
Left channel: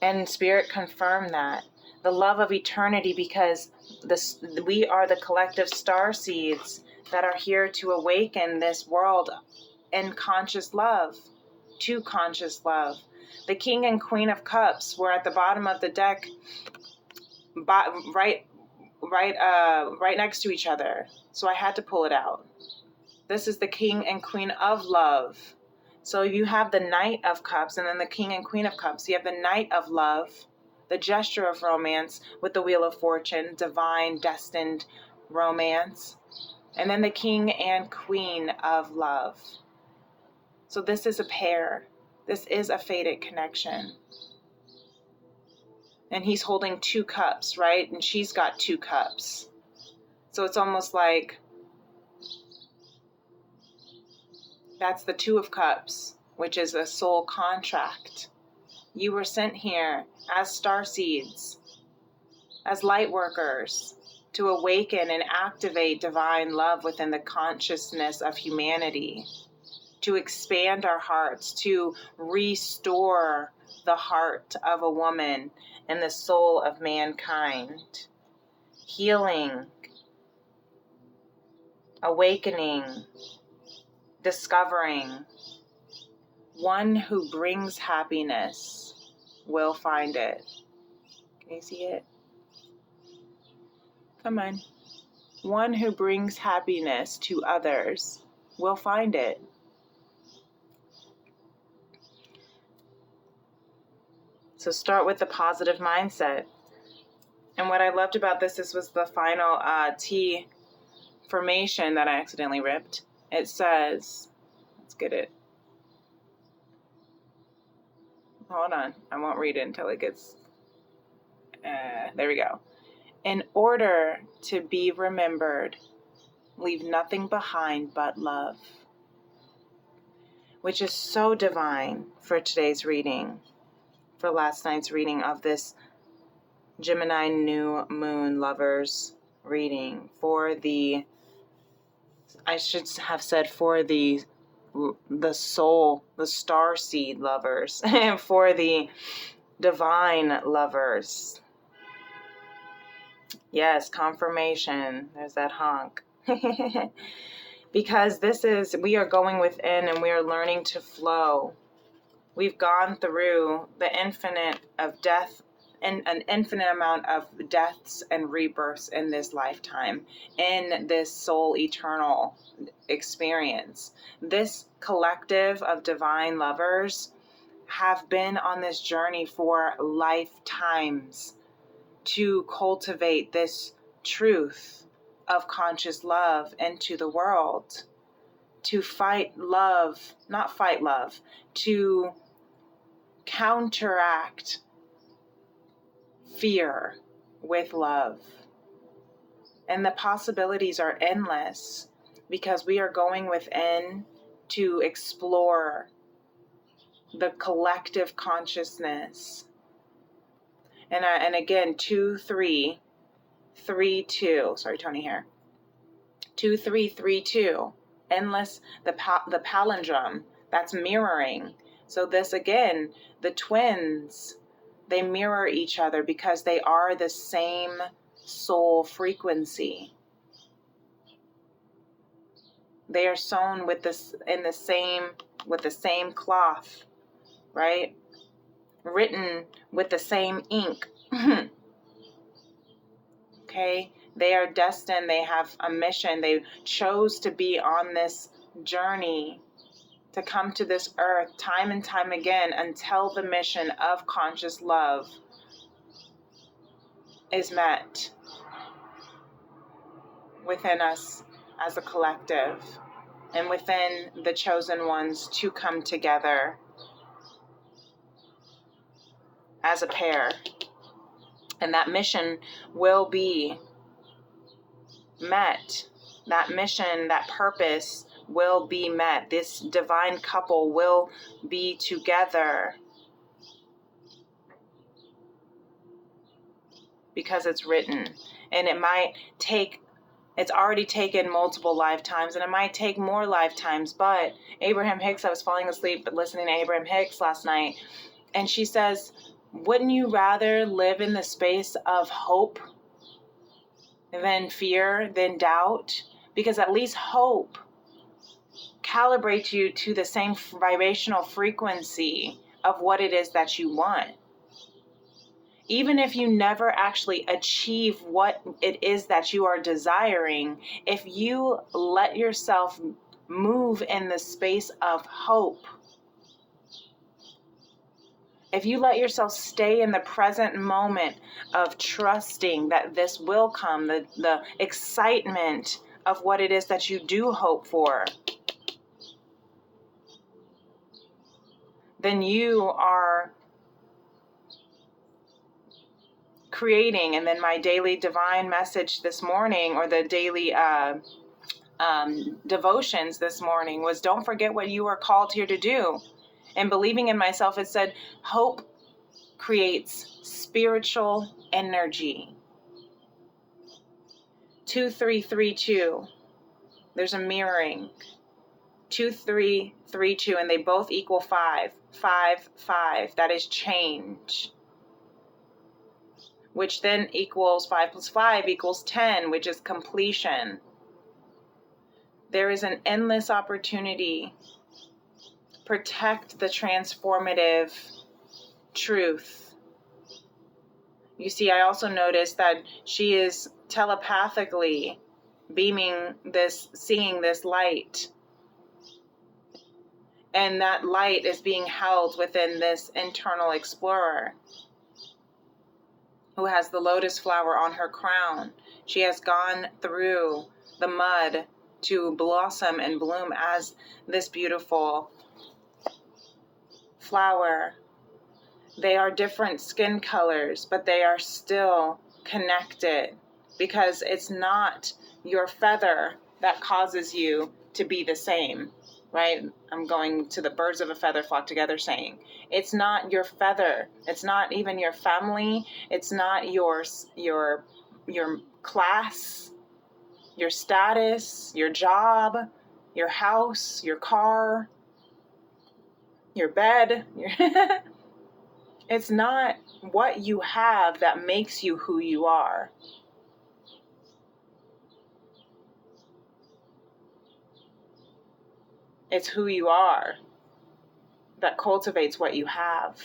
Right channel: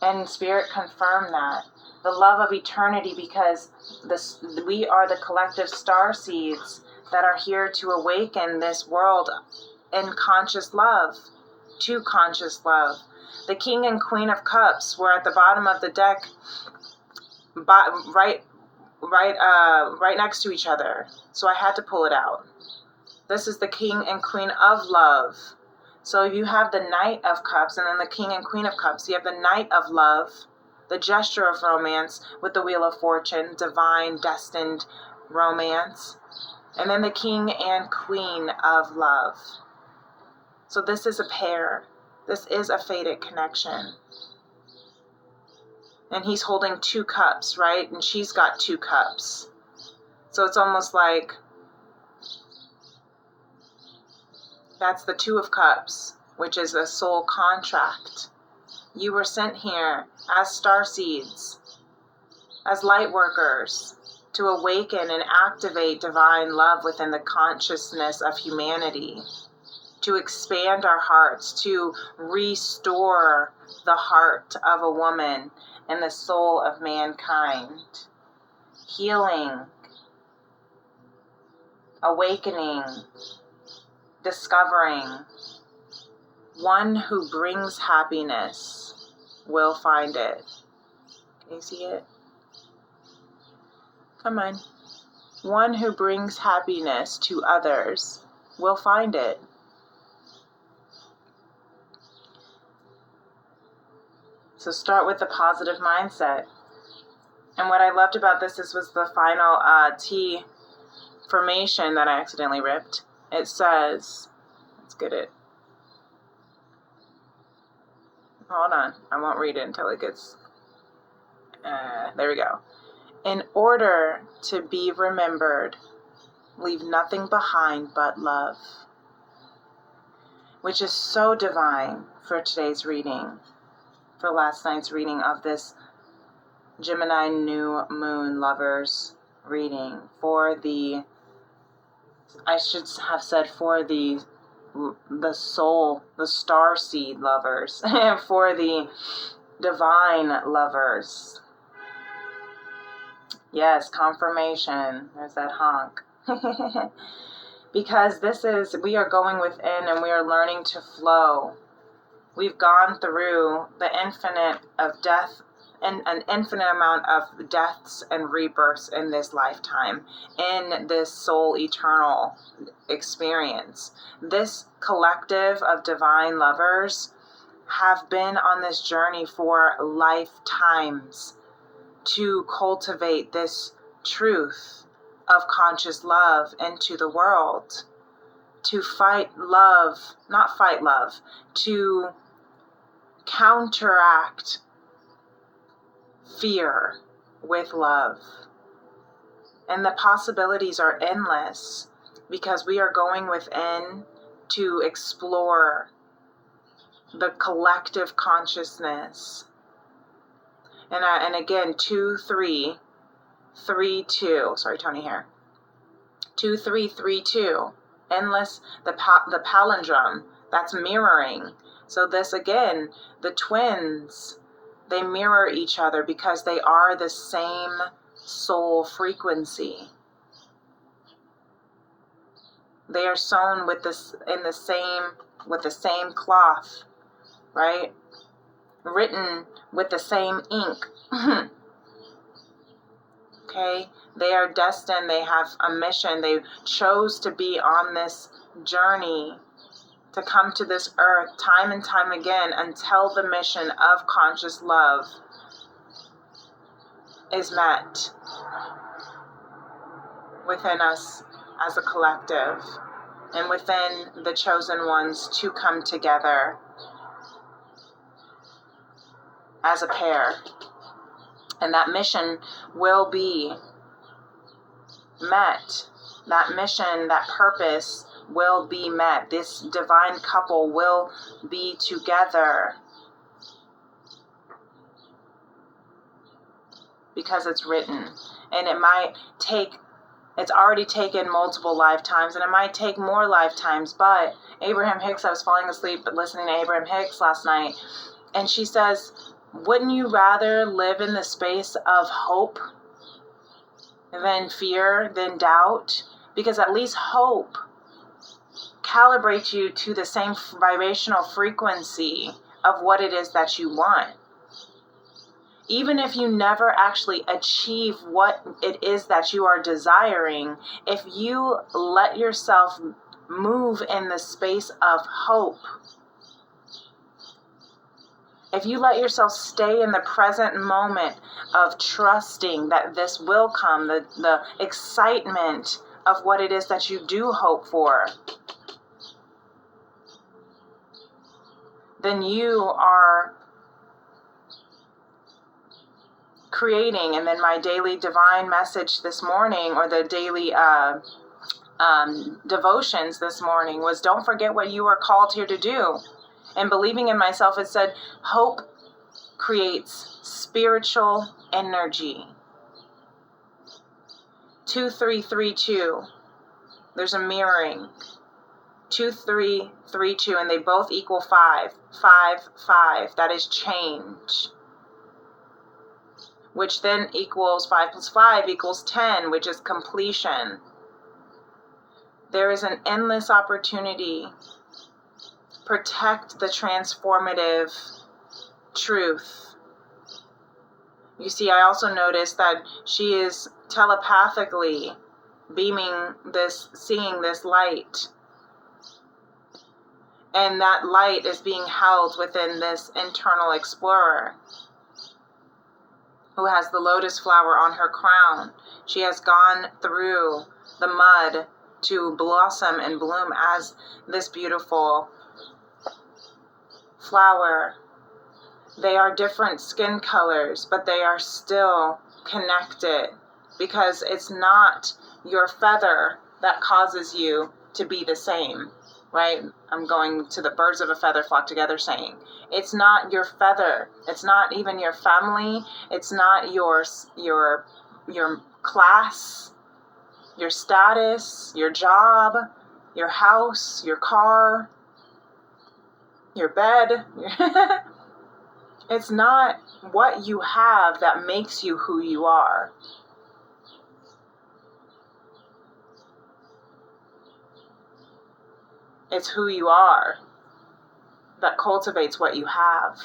And Spirit confirmed that. The love of eternity, because we are the collective star seeds that are here to awaken this world in conscious love, to conscious love. The King and Queen of Cups were at the bottom of the deck, right next to each other. So I had to pull it out. This is the King and Queen of Love. So you have the Knight of Cups and then the King and Queen of Cups. You have the Knight of Love, the gesture of romance with the Wheel of Fortune, divine, destined romance. And then the King and Queen of Love. So this is a pair. This is a fated connection. And he's holding 2 cups, right? And she's got 2 cups. So it's almost like that's the 2 of Cups, which is a soul contract. You were sent here as starseeds, as light workers, to awaken and activate divine love within the consciousness of humanity, to expand our hearts, to restore the heart of a woman and the soul of mankind. Healing, awakening, discovering. One who brings happiness will find it. Can you see it? Come on. One who brings happiness to others will find it. So start with the positive mindset. And what I loved about this was the final T formation that I accidentally ripped. It says, let's get it. Hold on, I won't read it until it gets, there we go. In order to be remembered, leave nothing behind but love. Which is so divine for today's reading, for last night's reading of this Gemini new moon lovers reading, for the, I should have said for the soul, the star seed lovers, and for the divine lovers. Yes, confirmation. There's that honk. because we are going within and we are learning to flow. We've gone through the infinite of death and an infinite amount of deaths and rebirths in this lifetime, in this soul eternal experience. This collective of divine lovers have been on this journey for lifetimes to cultivate this truth of conscious love into the world, to to counteract fear with love. And the possibilities are endless because we are going within to explore the collective consciousness. And again, 2, 3, 3, 2. Sorry, Tony here. 2, 3, 3, 2. Endless, the palindrome, that's mirroring. So this again, the twins, they mirror each other because they are the same soul frequency. They are sewn with the same cloth, right? Written with the same ink. Okay, they are destined, they have a mission, they chose to be on this journey, to come to this earth time and time again until the mission of conscious love is met within us as a collective and within the chosen ones to come together as a pair. And that mission will be met. That mission, that purpose will be met. This divine couple will be together because it's written. And it's already taken multiple lifetimes, and it might take more lifetimes. But Abraham Hicks, I was falling asleep listening to Abraham Hicks last night, and she says, wouldn't you rather live in the space of hope than fear, than doubt? Because at least hope calibrates you to the same vibrational frequency of what it is that you want. Even if you never actually achieve what it is that you are desiring, if you let yourself move in the space of hope, if you let yourself stay in the present moment of trusting that this will come, the excitement of what it is that you do hope for, then you are creating. And then my daily divine message this morning, or the daily devotions this morning, was don't forget what you are called here to do. And believing in myself, it said, hope creates spiritual energy. 2, 3, 3, 2. There's a mirroring. 2, 3, 3, 2, and they both equal 5. 5, 5. That is change. Which then equals 5 plus 5 equals 10, which is completion. There is an endless opportunity. Protect the transformative truth. You see, I also noticed that she is telepathically seeing this light. And that light is being held within this internal explorer who has the lotus flower on her crown. She has gone through the mud to blossom and bloom as this beautiful flower. They are different skin colors, but they are still connected, because it's not your feather that causes you to be the same, right? I'm going to the birds of a feather flock together saying. It's not your feather. It's not even your family. It's not your class, your status, your job, your house, your car, your bed. It's not what you have that makes you who you are. It's who you are that cultivates what you have.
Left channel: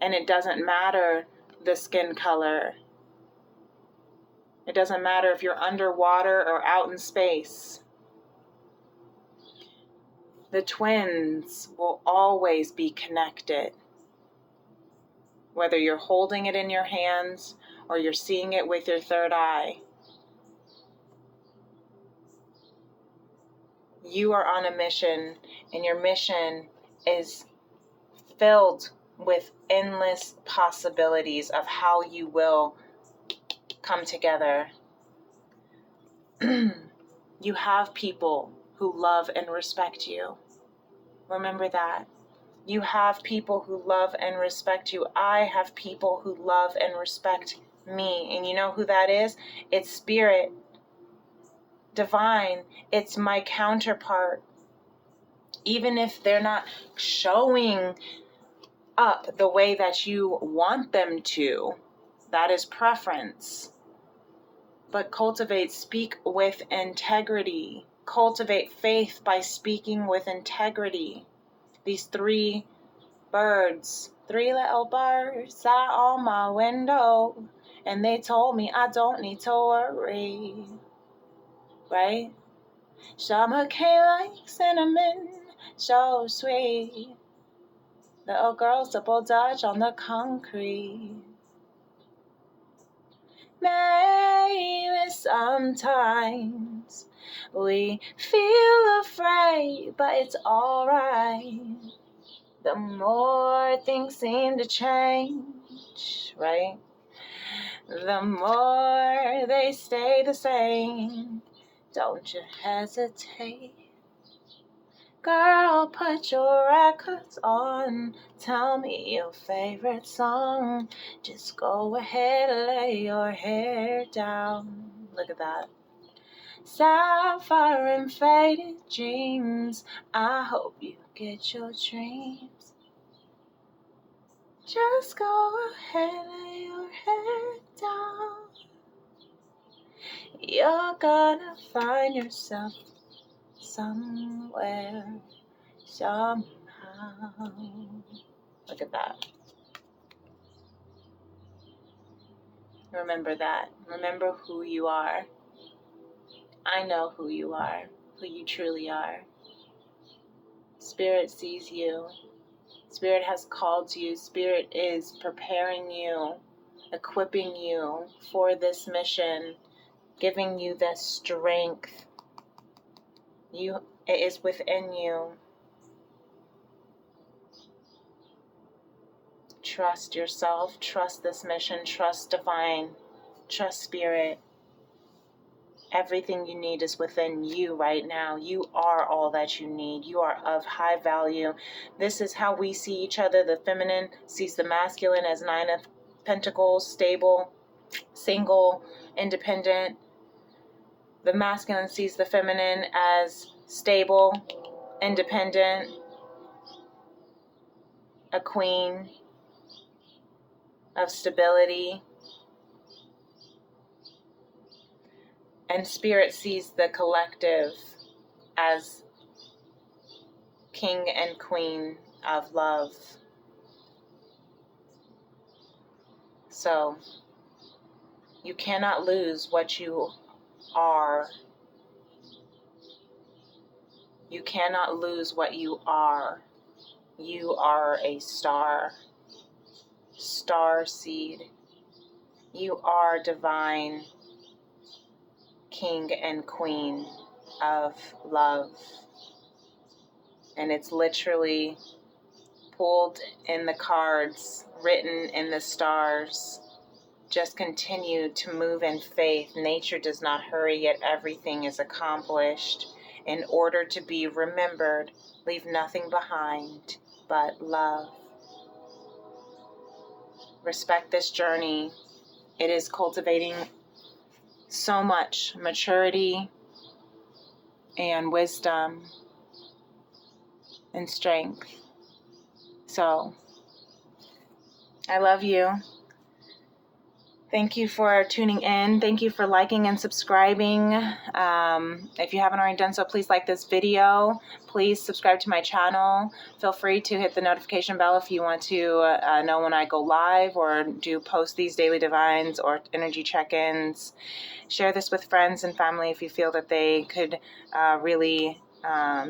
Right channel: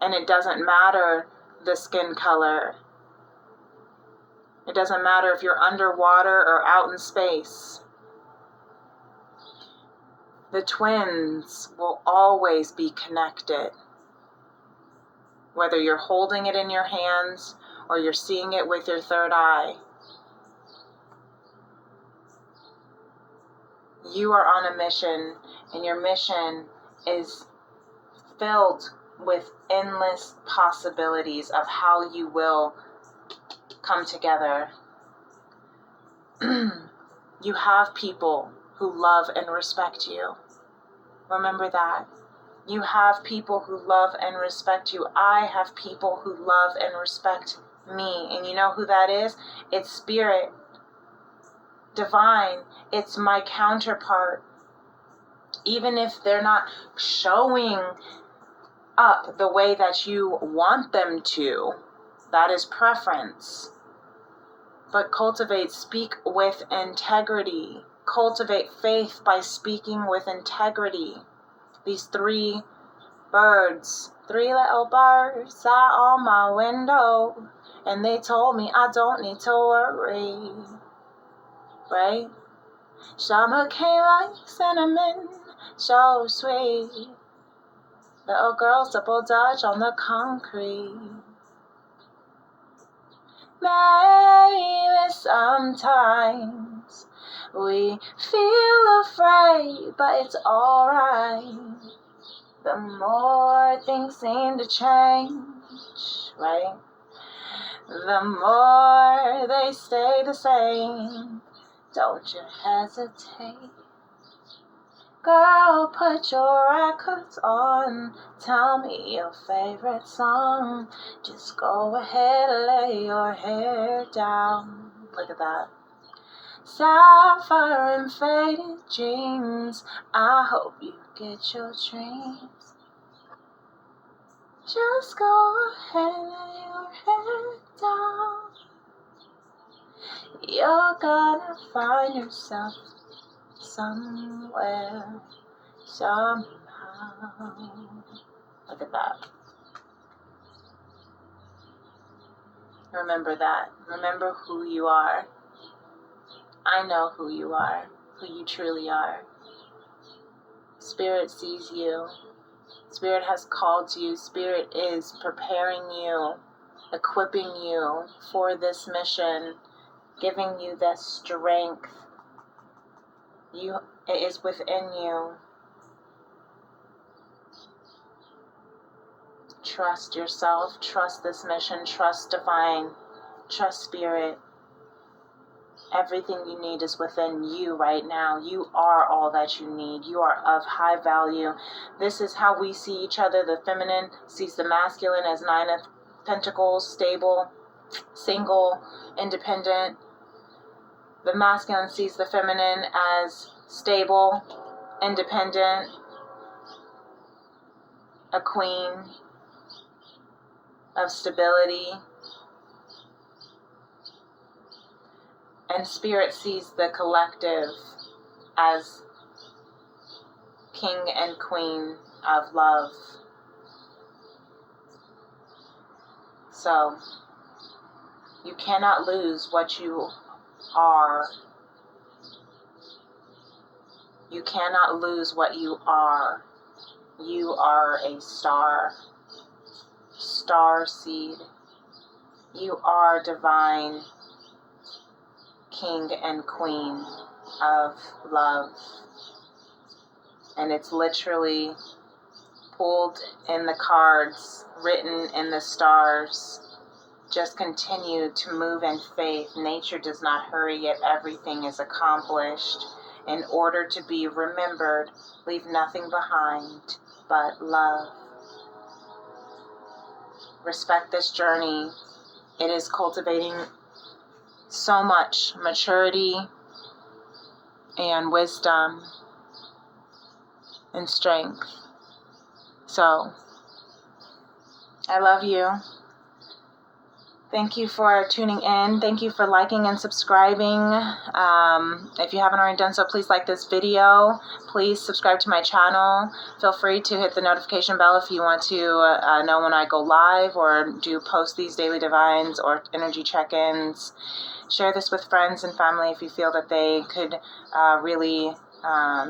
And it doesn't matter the skin color. It doesn't matter if you're underwater or out in space. The twins will always be connected. Whether you're holding it in your hands or you're seeing it with your third eye. You are on a mission, and your mission is filled with endless possibilities of how you will come together. You have people who love and respect you. Remember that. You have people who love and respect you. I have people who love and respect me. And you know who that is? It's spirit. Divine. It's my counterpart. Even if they're not showing up the way that you want them to, that is preference. But speak with integrity. Cultivate faith by speaking with integrity. These three little birds sat on my window, and they told me I don't need to worry, right? Summer came like cinnamon, so sweet. Little girls double dutch on the concrete. Maybe sometimes we feel afraid, but it's alright. The more things seem to change, right? The more they stay the same. Don't you hesitate. Girl, put your records on. Tell me your favorite song. Just go ahead and lay your hair down. Look at that. Sapphire and faded jeans. I hope you get your dreams. Just go ahead and lay your hair down. You're gonna find yourself somewhere, somehow. Look at that. Remember that. Remember who you are. I know who you are, who you truly are. Spirit sees you. Spirit has called you. Spirit is preparing you, equipping you for this mission, giving you the strength. It is within you. Trust yourself, trust this mission, trust divine, trust spirit. Everything you need is within you right now. You are all that you need. You are of high value. This is how we see each other. The feminine sees the masculine as 9 of Pentacles, stable, single, independent. The masculine sees the feminine as stable, independent, a queen of stability. And spirit sees the collective as king and queen of love. So, you cannot lose what you are. You cannot lose what you are. You are a star seed. You are divine king and queen of love. And it's literally pulled in the cards, written in the stars. Just continue to move in faith. Nature does not hurry, yet everything is accomplished. In order to be remembered, leave nothing behind but love. Respect this journey. It is cultivating so much maturity and wisdom and strength. So, I love you. Thank you for tuning in. Thank you for liking and subscribing. If you haven't already done so, please like this video. Please subscribe to my channel. Feel free to hit the notification bell if you want to know when I go live or do post these daily divines or energy check-ins. Share this with friends and family if you feel that they could really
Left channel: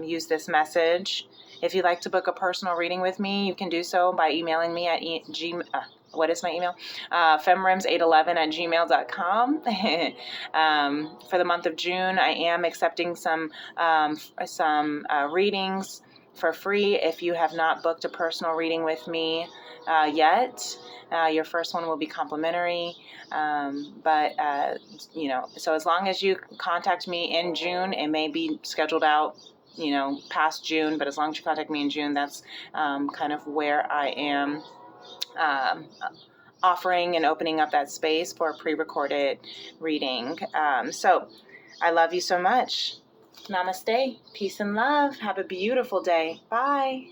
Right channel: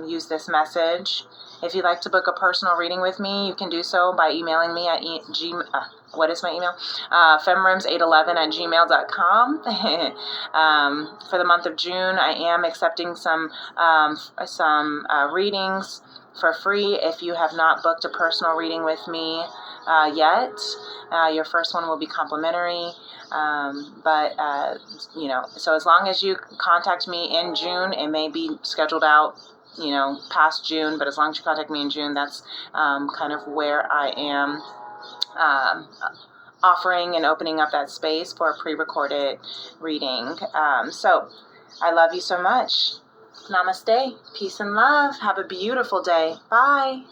use this message. If you'd like to book a personal reading with me, you can do so by emailing me at what is my email? femrims811@gmail.com. For the month of June, I am accepting some readings for free. If you have not booked a personal reading with me yet, your first one will be complimentary. So as long as you contact me in June, it may be scheduled out, past June, but as long as you contact me in June, that's kind of where I am offering and opening up that space for a pre-recorded reading. So I love you so much. Namaste. Peace and love. Have a beautiful day. Bye.